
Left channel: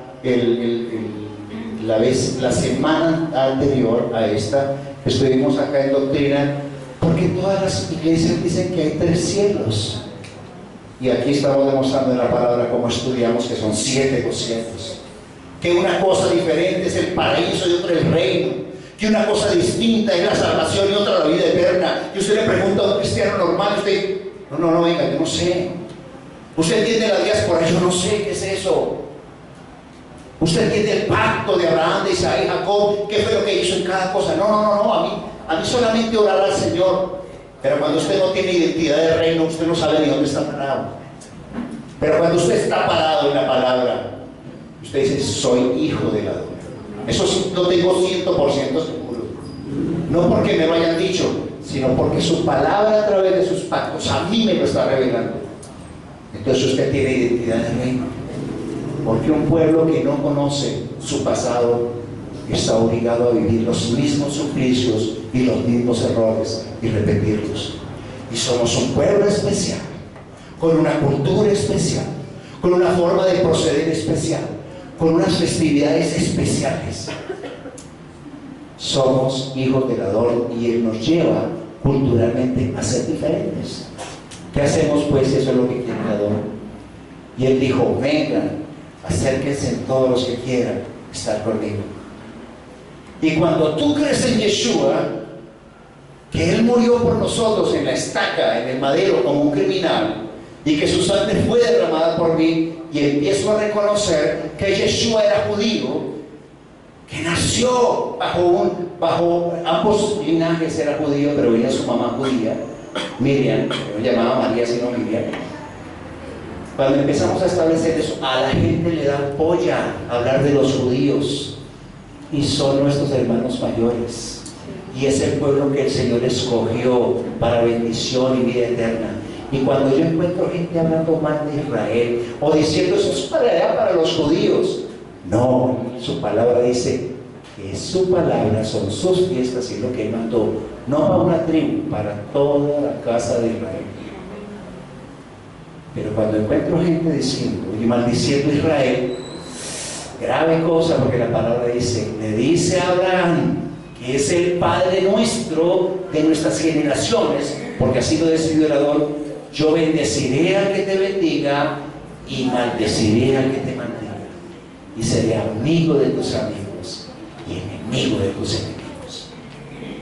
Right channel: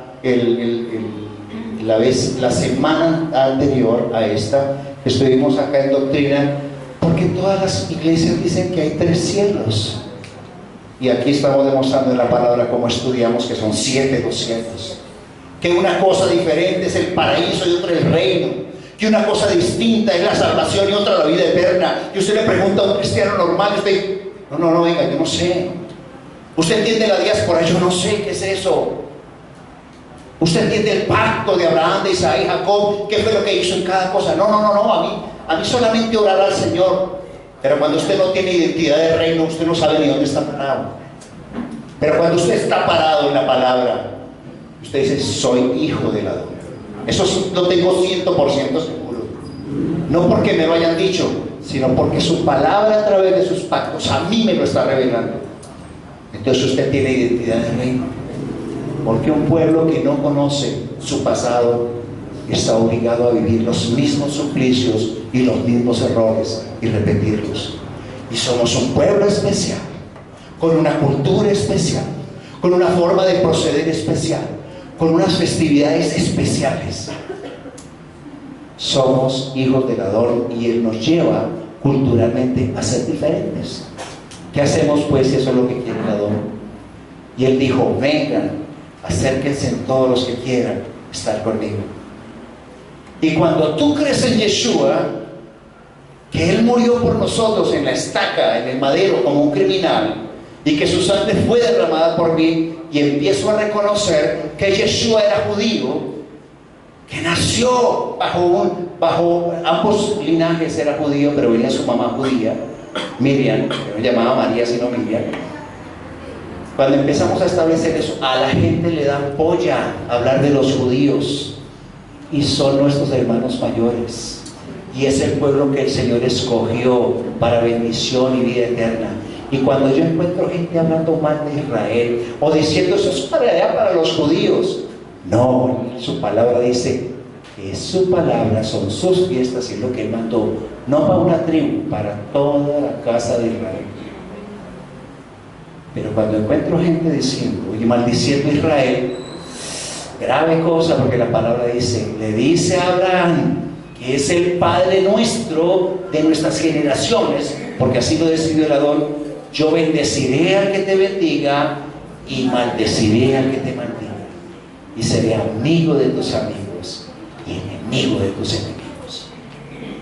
la semana anterior a esta, estuvimos acá en doctrina, porque todas las iglesias dicen que hay 3 cielos. Y aquí estamos demostrando en la palabra, como estudiamos, que son 7 los cielos. Que una cosa diferente es el paraíso y otra el reino. Que una cosa distinta es la salvación y otra la vida eterna. Y usted le pregunta a un cristiano normal, no, venga, yo no sé. Usted entiende la diáspora, yo no sé qué es eso. Usted entiende el pacto de Abraham, de Isaac y Jacob, qué fue lo que hizo en cada cosa. No, a mí solamente orar al Señor. Pero cuando usted no tiene identidad de reino, usted no sabe ni dónde está parado. Pero cuando usted está parado en la palabra, usted dice, soy hijo del Adonai. Eso sí, lo tengo 100% seguro. No porque me lo hayan dicho, sino porque su palabra a través de sus pactos a mí me lo está revelando. Entonces usted tiene identidad de reino. Porque un pueblo que no conoce su pasado está obligado a vivir los mismos suplicios y los mismos errores y repetirlos. Y somos un pueblo especial, con una cultura especial, con una forma de proceder especial, con unas festividades especiales. Somos hijos del Adón y Él nos lleva culturalmente a ser diferentes. ¿Qué hacemos pues si eso es lo que quiere el Adón? Y Él dijo, vengan, acérquense todos los que quieran estar conmigo. Y cuando tú crees en Yeshua, que Él murió por nosotros en la estaca, en el madero, como un criminal, y que su sangre fue derramada por mí, y empiezo a reconocer que Yeshua era judío, que nació bajo ambos linajes, era judío, pero venía su mamá judía, Miriam, que no llamaba María sino Miriam. Cuando empezamos a establecer eso, a la gente le da polla hablar de los judíos, y son nuestros hermanos mayores, y es el pueblo que el Señor escogió para bendición y vida eterna. Y cuando yo encuentro gente hablando mal de Israel o diciendo eso es para allá, para los judíos, no, su palabra dice que su palabra son sus fiestas y lo que Él mandó, no para una tribu, para toda la casa de Israel. Pero cuando encuentro gente diciendo y maldiciendo a Israel, grave cosa, porque la palabra dice, le dice a Abraham, que es el Padre nuestro de nuestras generaciones, porque así lo decidió el Adón, yo bendeciré al que te bendiga y maldeciré al que te maldiga, y seré amigo de tus amigos y enemigo de tus enemigos.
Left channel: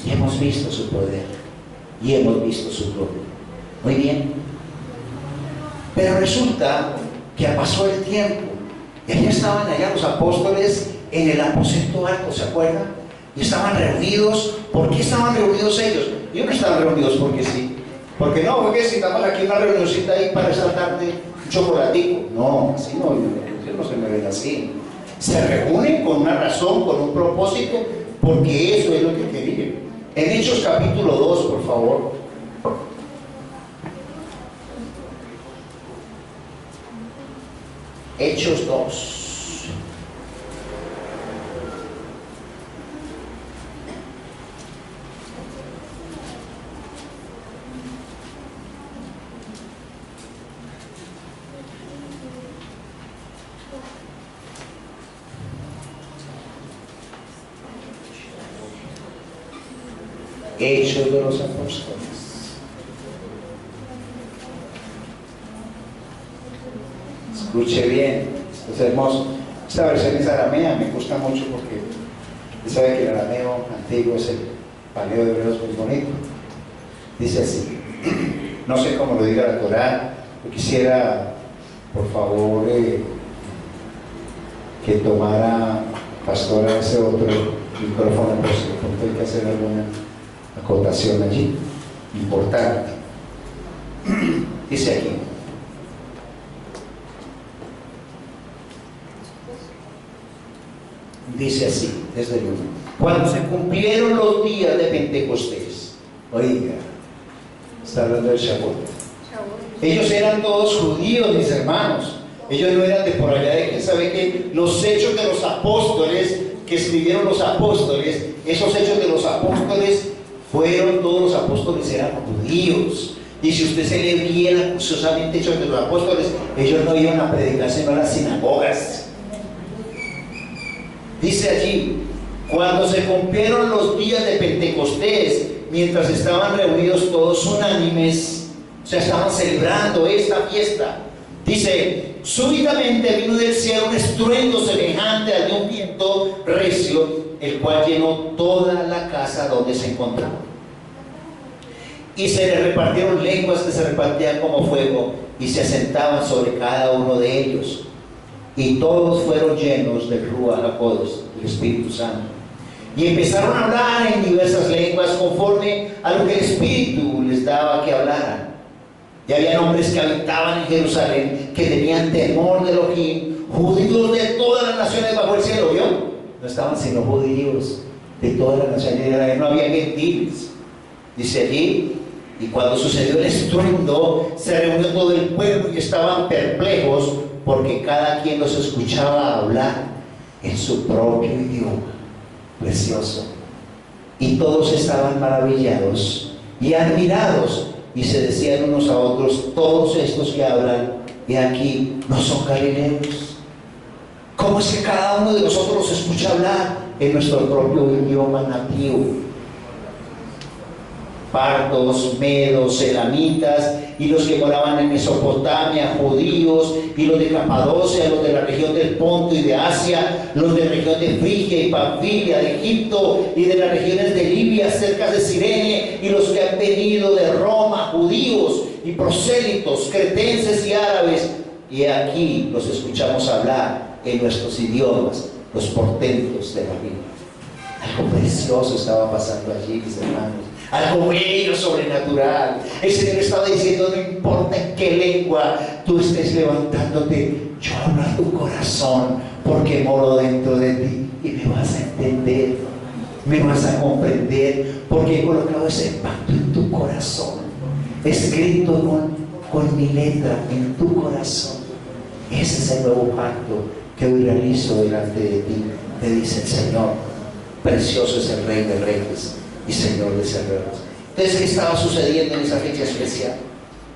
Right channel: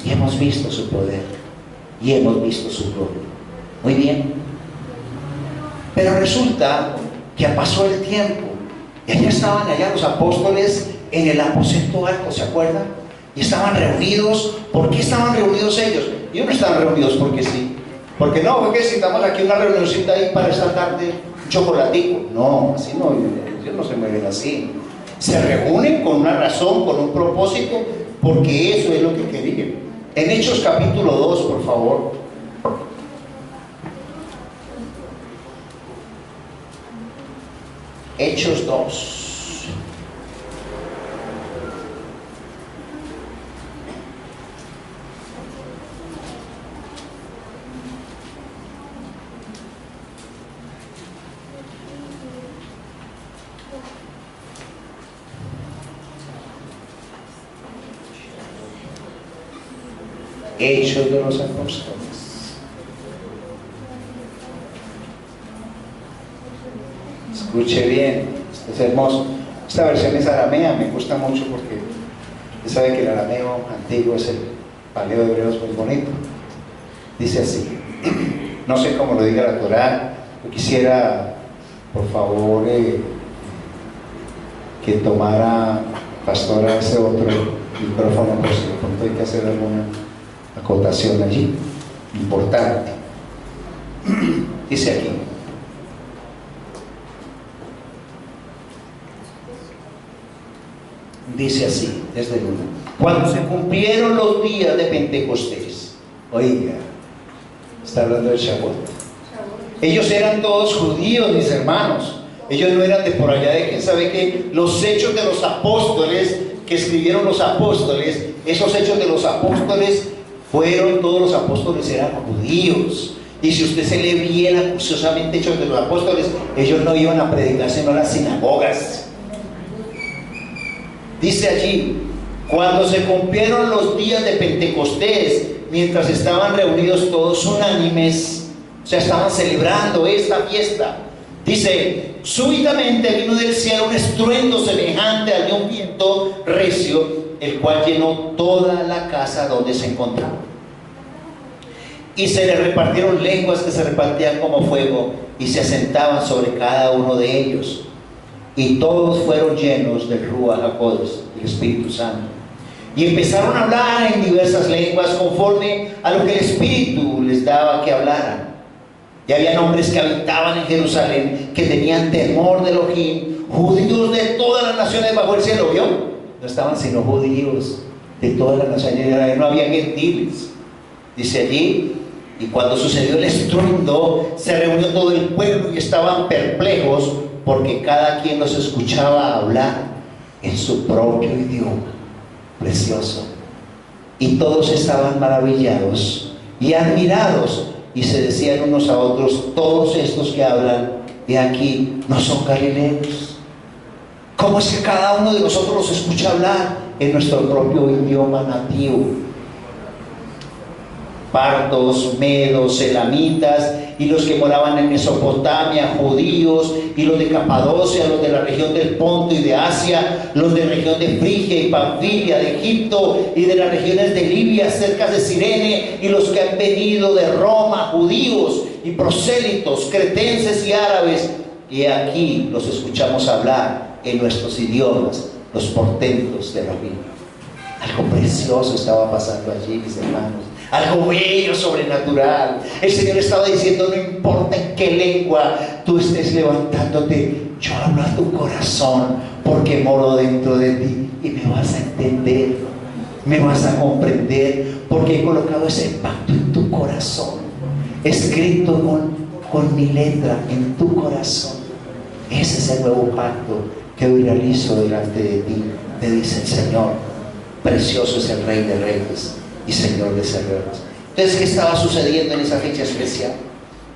Y hemos visto su poder y hemos visto su gloria. Muy bien, pero resulta que pasó el tiempo y allá estaban los apóstoles en el aposento alto, ¿se acuerdan? Y estaban reunidos. ¿Por qué estaban reunidos ellos? Ellos no estaban reunidos porque sí, porque no, porque si estamos aquí una reunioncita ahí para esa tarde, un chocolatico. No, así no, ellos no se me ven así. Se reúnen con una razón, con un propósito, porque eso es lo que querían. En Hechos capítulo 2, por favor. Hechos 2. Hechos de los Apóstoles. Escuche bien, esto es hermoso. Esta versión es aramea, me gusta mucho porque usted sabe que el arameo antiguo es el paleo de hebreos muy bonito. Dice así, no sé cómo lo diga la Torá, yo quisiera, por favor, que tomara pastora ese otro micrófono, pues de pronto hay que hacer alguna acotación allí, importante. Dice aquí, dice así, desde el 1. Cuando se cumplieron los días de Pentecostés, oiga, está hablando del Shavuot. Ellos eran todos judíos, mis hermanos. Ellos no eran de por allá de quién sabe qué. Los hechos de los apóstoles que escribieron los apóstoles, esos hechos de los apóstoles fueron, todos los apóstoles eran judíos. Y si usted se lee bien acuciosamente hechos de los apóstoles, ellos no iban a predicar sino a las sinagogas. Dice allí, cuando se cumplieron los días de Pentecostés, mientras estaban reunidos todos unánimes, o sea, estaban celebrando esta fiesta, dice, súbitamente vino del cielo un estruendo semejante al de un viento recio, el cual llenó toda la casa donde se encontraban. y se le repartieron lenguas que se repartían como fuego y se asentaban sobre cada uno de ellos. Y todos fueron llenos del Ruach HaKodesh, del Espíritu Santo. Y empezaron a hablar en diversas lenguas conforme a lo que el Espíritu les daba que hablaran. Y había hombres que habitaban en Jerusalén, que tenían temor de Elohim, judíos de todas las naciones bajo el cielo. ¿Vio? No estaban sino judíos de todas las naciones, no había gentiles. Dice allí, y cuando sucedió el estruendo, se reunió todo el pueblo y estaban perplejos, porque cada quien los escuchaba hablar en su propio idioma. Precioso. Y todos estaban maravillados y admirados, y se decían unos a otros: todos estos que hablan de aquí no son galileos. ¿Cómo es que cada uno de nosotros los escucha hablar en nuestro propio idioma nativo? Partos, medos, elamitas, y los que moraban en Mesopotamia, judíos, y los de Capadocia, los de la región del Ponto y de Asia, los de la región de Frigia y Panfilia, de Egipto y de las regiones de Libia, cerca de Cirene, y los que han venido de Roma, judíos y prosélitos, cretenses y árabes, y aquí los escuchamos hablar en nuestros idiomas los portentos de la Biblia. Algo precioso estaba pasando allí, mis hermanos. Algo bello, sobrenatural. El Señor estaba diciendo: no importa en qué lengua tú estés levantándote, yo hablo a tu corazón, porque moro dentro de ti y me vas a entender, me vas a comprender, porque he colocado ese pacto en tu corazón, escrito con mi letra en tu corazón. Ese es el nuevo pacto que hoy realizo delante de ti, te dice el Señor. Precioso es el Rey de Reyes y Señor de Señores. Entonces, ¿qué estaba sucediendo en esa fecha especial?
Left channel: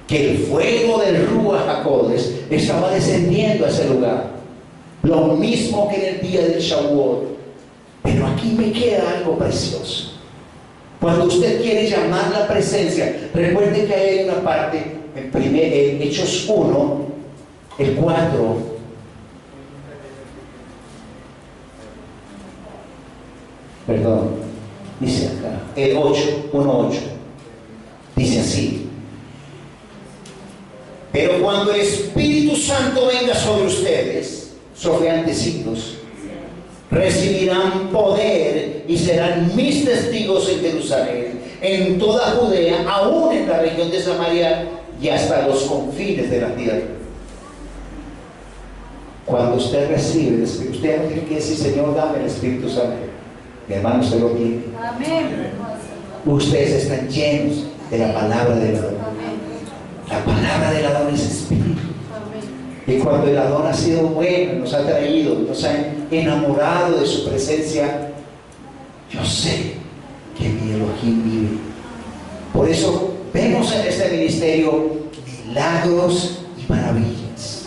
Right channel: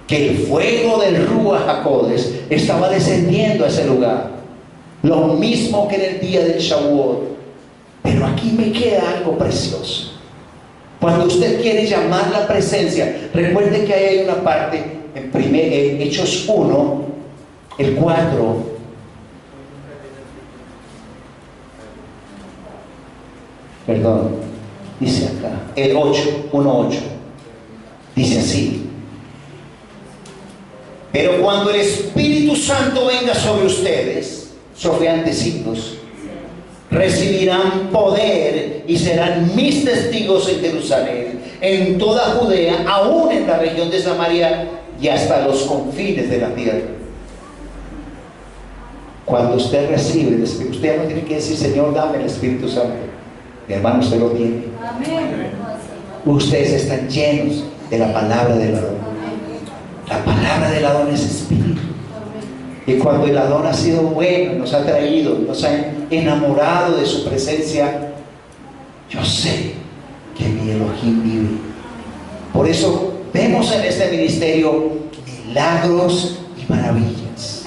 Que el fuego del Ruach HaKodesh estaba descendiendo a ese lugar, lo mismo que en el día del Shavuot. Pero aquí me queda algo precioso. Cuando usted quiere llamar la presencia, recuerde que ahí hay una parte en Hechos 1, el 4. Perdón, dice acá, el 8, 1:8, dice así: pero cuando el Espíritu Santo venga sobre ustedes, sobre antecitos, recibirán poder y serán mis testigos en Jerusalén, en toda Judea, aún en la región de Samaria y hasta los confines de la tierra. Cuando usted recibe el Espíritu, usted no tiene que decir: Señor, dame el Espíritu Santo. Mi hermano, usted lo tiene. Amén. Ustedes están llenos de la palabra del Adón. La palabra del Adón es espíritu. Y cuando el Adón ha sido bueno, nos ha traído, nos ha enamorado de su presencia, yo sé que mi Elohim vive. Por eso vemos en este ministerio milagros y maravillas,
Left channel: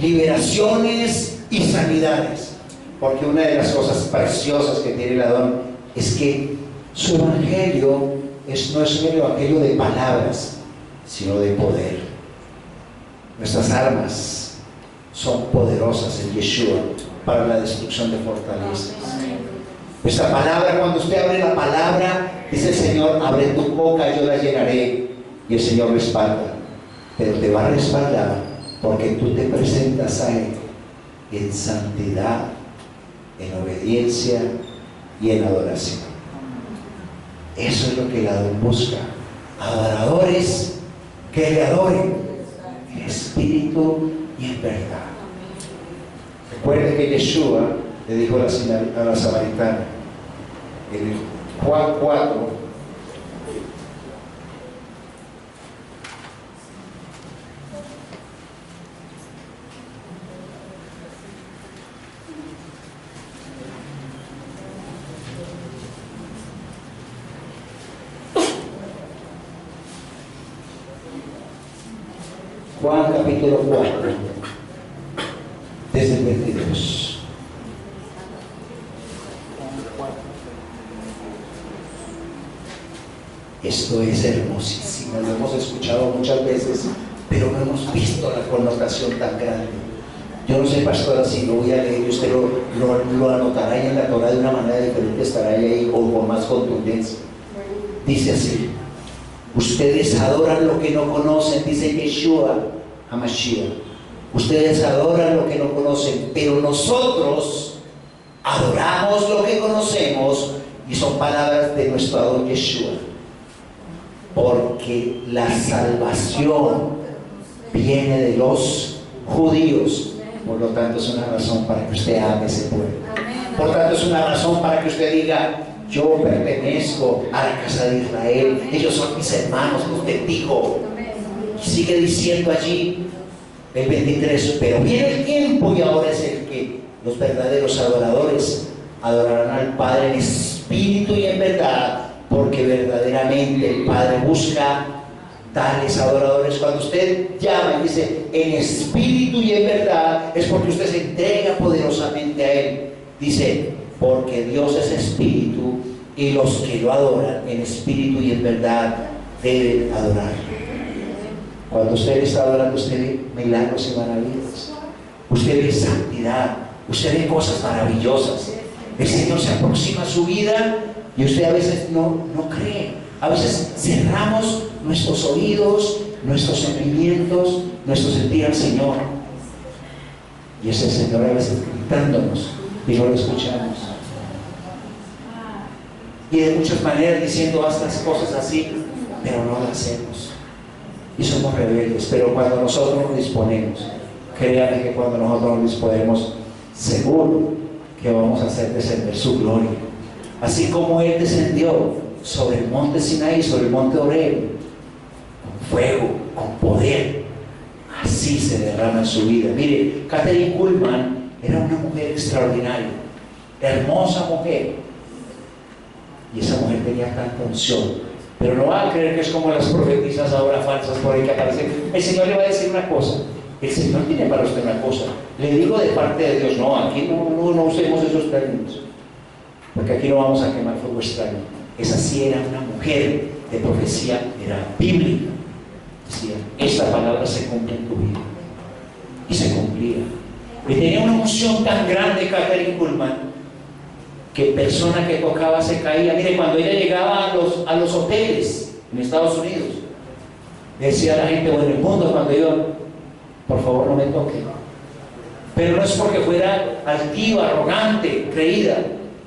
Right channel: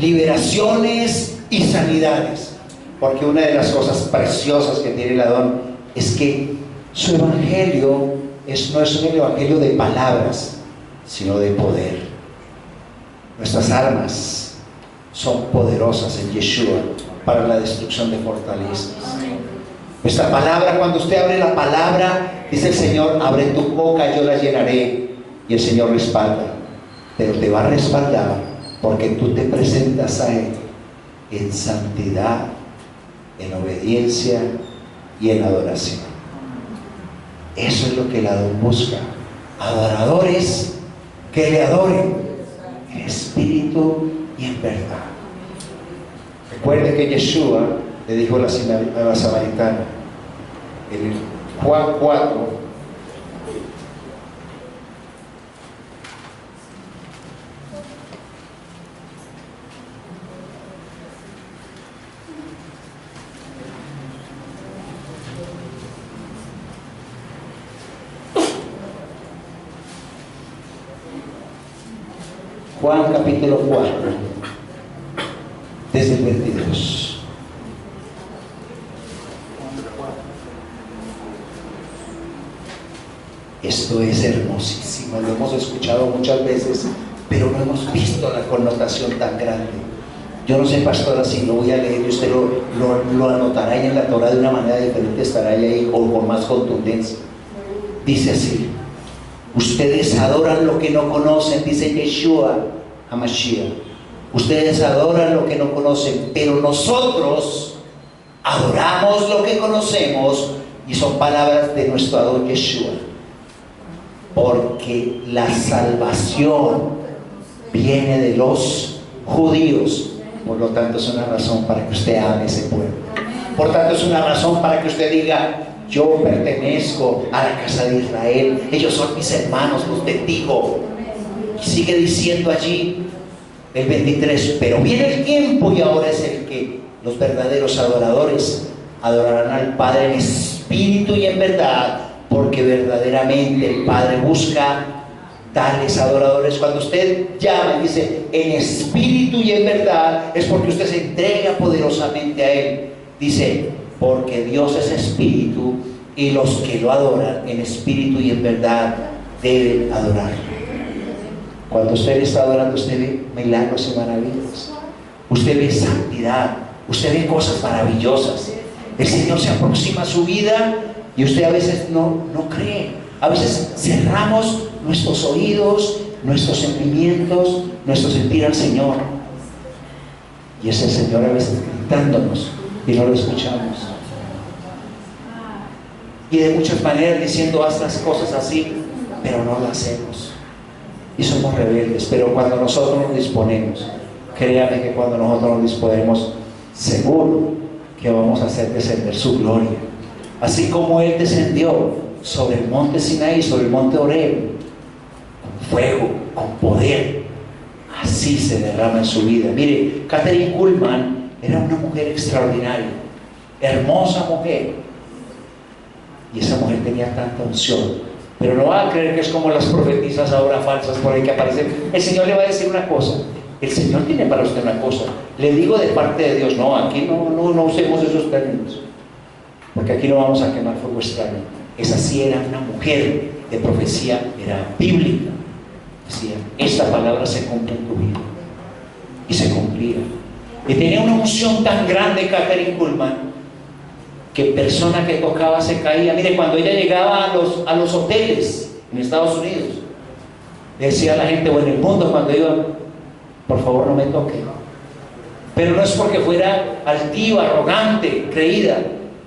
liberaciones y sanidades. Porque una de las cosas preciosas que tiene el Adón es que su evangelio no es un evangelio de palabras, sino de poder. Nuestras armas son poderosas en Yeshua para la destrucción de fortalezas. Nuestra palabra, cuando usted abre la palabra, dice el Señor: abre tu boca, yo la llenaré. Y el Señor respalda, pero te va a respaldar porque tú te presentas a Él en santidad, en obediencia y en adoración. Eso es lo que el Adón busca: adoradores que le adoren en espíritu y en verdad. Recuerde que Yeshua le dijo a la samaritana en Juan 4, Juan capítulo 4, desde el 22. Esto es hermosísimo, lo hemos escuchado muchas veces, pero no hemos visto la connotación tan grande. Yo no sé, pastora, si lo voy a leer y usted lo anotará ahí en la Torah de una manera diferente, estará ahí o con más contundencia. Dice así: Ustedes adoran lo que no conocen, dice Yeshua HaMashiach. Ustedes adoran lo que no conocen, pero nosotros adoramos lo que conocemos, y son palabras de nuestro Adón Yeshua. Porque la salvación viene de los judíos. Por lo tanto, es una razón para que usted ame ese pueblo. Por tanto, es una razón para que usted diga: yo pertenezco a la casa de Israel, ellos son mis hermanos, los bendigo. Y sigue diciendo allí el 23: pero viene el tiempo, y ahora es el que los verdaderos adoradores adorarán al Padre en espíritu y en verdad, porque verdaderamente el Padre busca tales adoradores. Cuando usted llama y dice en espíritu y en verdad, es porque usted se entrega poderosamente a Él. Dice: porque Dios es espíritu, y los que lo adoran en espíritu y en verdad deben adorarlo. Cuando usted está adorando, usted ve milagros y maravillas, usted ve santidad, usted ve cosas maravillosas. El Señor se aproxima a su vida y usted a veces no cree. A veces cerramos nuestros oídos, nuestros sentimientos, nuestro sentir al Señor, y es el Señor a veces gritándonos y no lo escuchamos, y de muchas maneras diciendo: haz las cosas así, pero no lo hacemos, y somos rebeldes. Pero cuando nosotros nos disponemos, créame que cuando nosotros nos disponemos, seguro que vamos a hacer descender su gloria, así como Él descendió sobre el monte Sinaí, sobre el monte Horeb, con fuego, con poder. Así se derrama en su vida. Mire, Kathryn Kuhlman era una mujer extraordinaria, hermosa mujer, y esa mujer tenía tanta unción. Pero no van a creer que es como las profetisas ahora falsas por ahí que aparecen. El Señor le va a decir una cosa, el Señor tiene para usted una cosa. Le digo de parte de Dios. No, aquí no usemos esos términos, porque aquí no vamos a quemar fuego extraño. Esa sí era una mujer de profecía, era bíblica. Decía: esta palabra se cumple en tu vida, y se cumplía. Y tenía una unción tan grande Kathryn Kuhlman, que persona que tocaba se caía. Mire, cuando ella llegaba a los hoteles en Estados Unidos, le decía a la gente, o en el mundo cuando iba: por favor no me toque. Pero no es porque fuera altiva, arrogante, creída,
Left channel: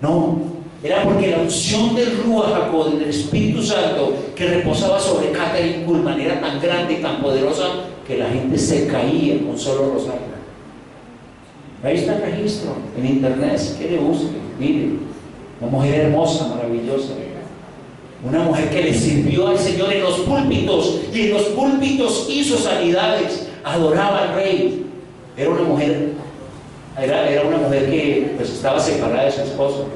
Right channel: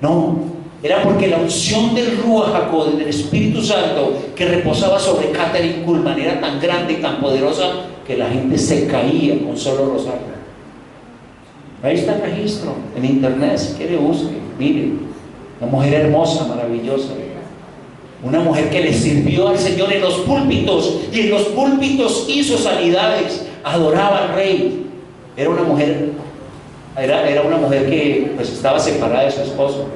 no, era porque la unción del Ruach HaKodesh, del Espíritu Santo que reposaba sobre Kathryn Kuhlman, era tan grande y tan poderosa que la gente se caía con solo rozarla. Ahí está el registro en internet, si quiere busque, mire. Una mujer hermosa, maravillosa, una mujer que le sirvió al Señor en los púlpitos, y en los púlpitos hizo sanidades, adoraba al Rey. Era una mujer que pues estaba separada de su esposo,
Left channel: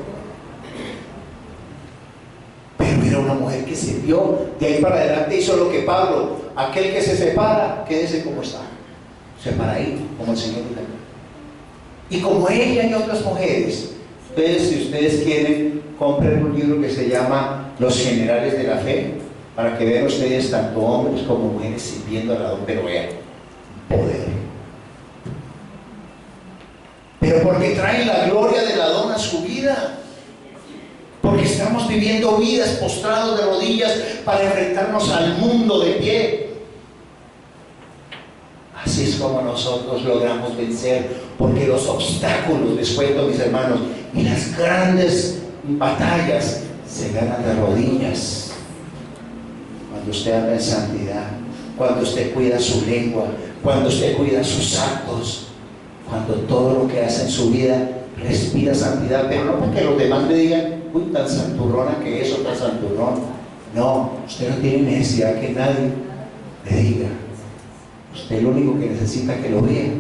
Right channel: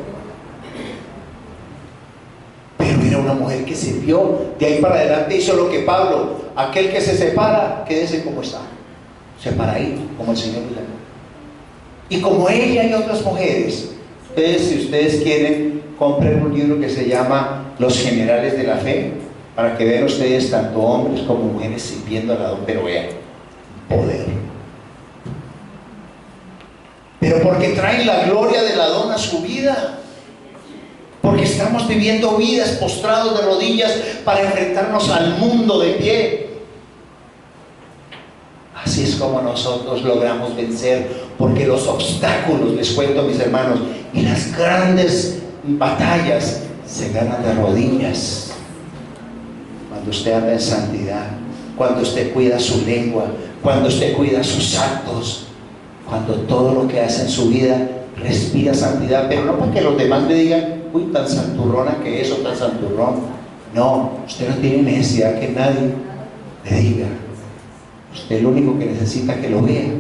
pero era una mujer que sirvió. De ahí para adelante hizo lo que Pablo: aquel que se separa, quédese como está, separadito, como el Señor le dio. Y como ella y otras mujeres, si ustedes quieren, compren un libro que se llama Los Generales de la Fe, para que vean ustedes tanto hombres como mujeres sirviendo al Adón, pero vean, poder. Pero porque traen la gloria del Adón a su vida, porque estamos viviendo vidas postrados de rodillas para enfrentarnos al mundo de pie. Así es como nosotros logramos vencer, porque los obstáculos, les cuento mis hermanos, y las grandes batallas se ganan de rodillas. Cuando usted anda en santidad, cuando usted cuida su lengua, cuando usted cuida sus actos, cuando todo lo que hace en su vida respira santidad, pero no para que los demás le digan: uy, tan santurrona que es, o tan santurrón. No, usted no tiene necesidad que nadie le diga. Usted lo único que necesita que lo vea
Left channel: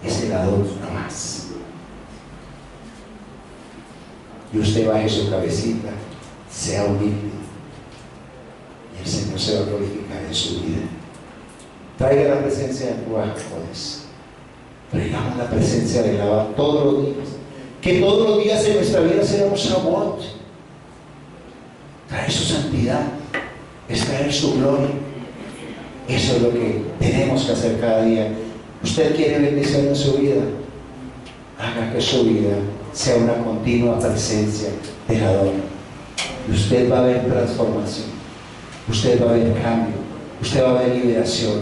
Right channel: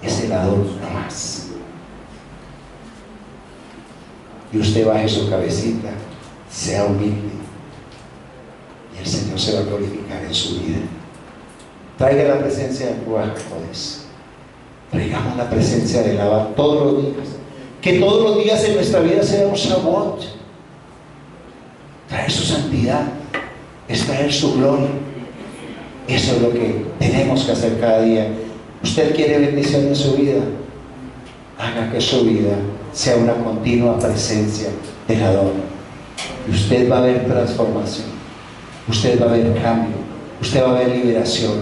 es el Adón, no más. Y usted baje su cabecita, sea humilde, y el Señor se va a glorificar en su vida. Traiga la presencia del Ruach HaKodesh. Traigamos la presencia del Abba todos los días. Que todos los días en nuestra vida sea un Shavuot. Traer su santidad es traer su gloria. Eso es lo que tenemos que hacer cada día. Usted quiere bendición en su vida, haga que su vida sea una continua presencia del Adón, y usted va a ver transformación. usted va a ver cambio, usted va a ver liberación,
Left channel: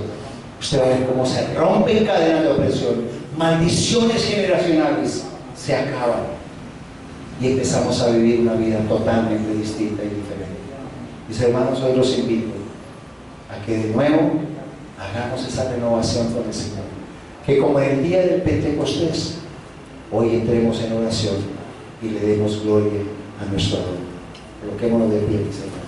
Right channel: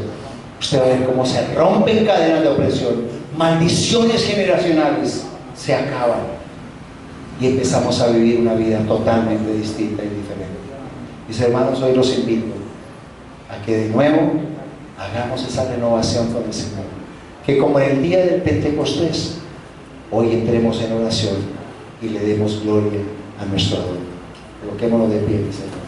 usted va a ver cómo se rompen cadenas de opresión, maldiciones generacionales se acaban y empezamos a vivir una vida totalmente distinta y diferente. Mis hermanos, hoy los invito a que de nuevo hagamos esa renovación con el Señor, que como en el día del Pentecostés, hoy entremos en oración y le demos gloria a nuestro Dios. Coloquémonos de pie, mis hermanos.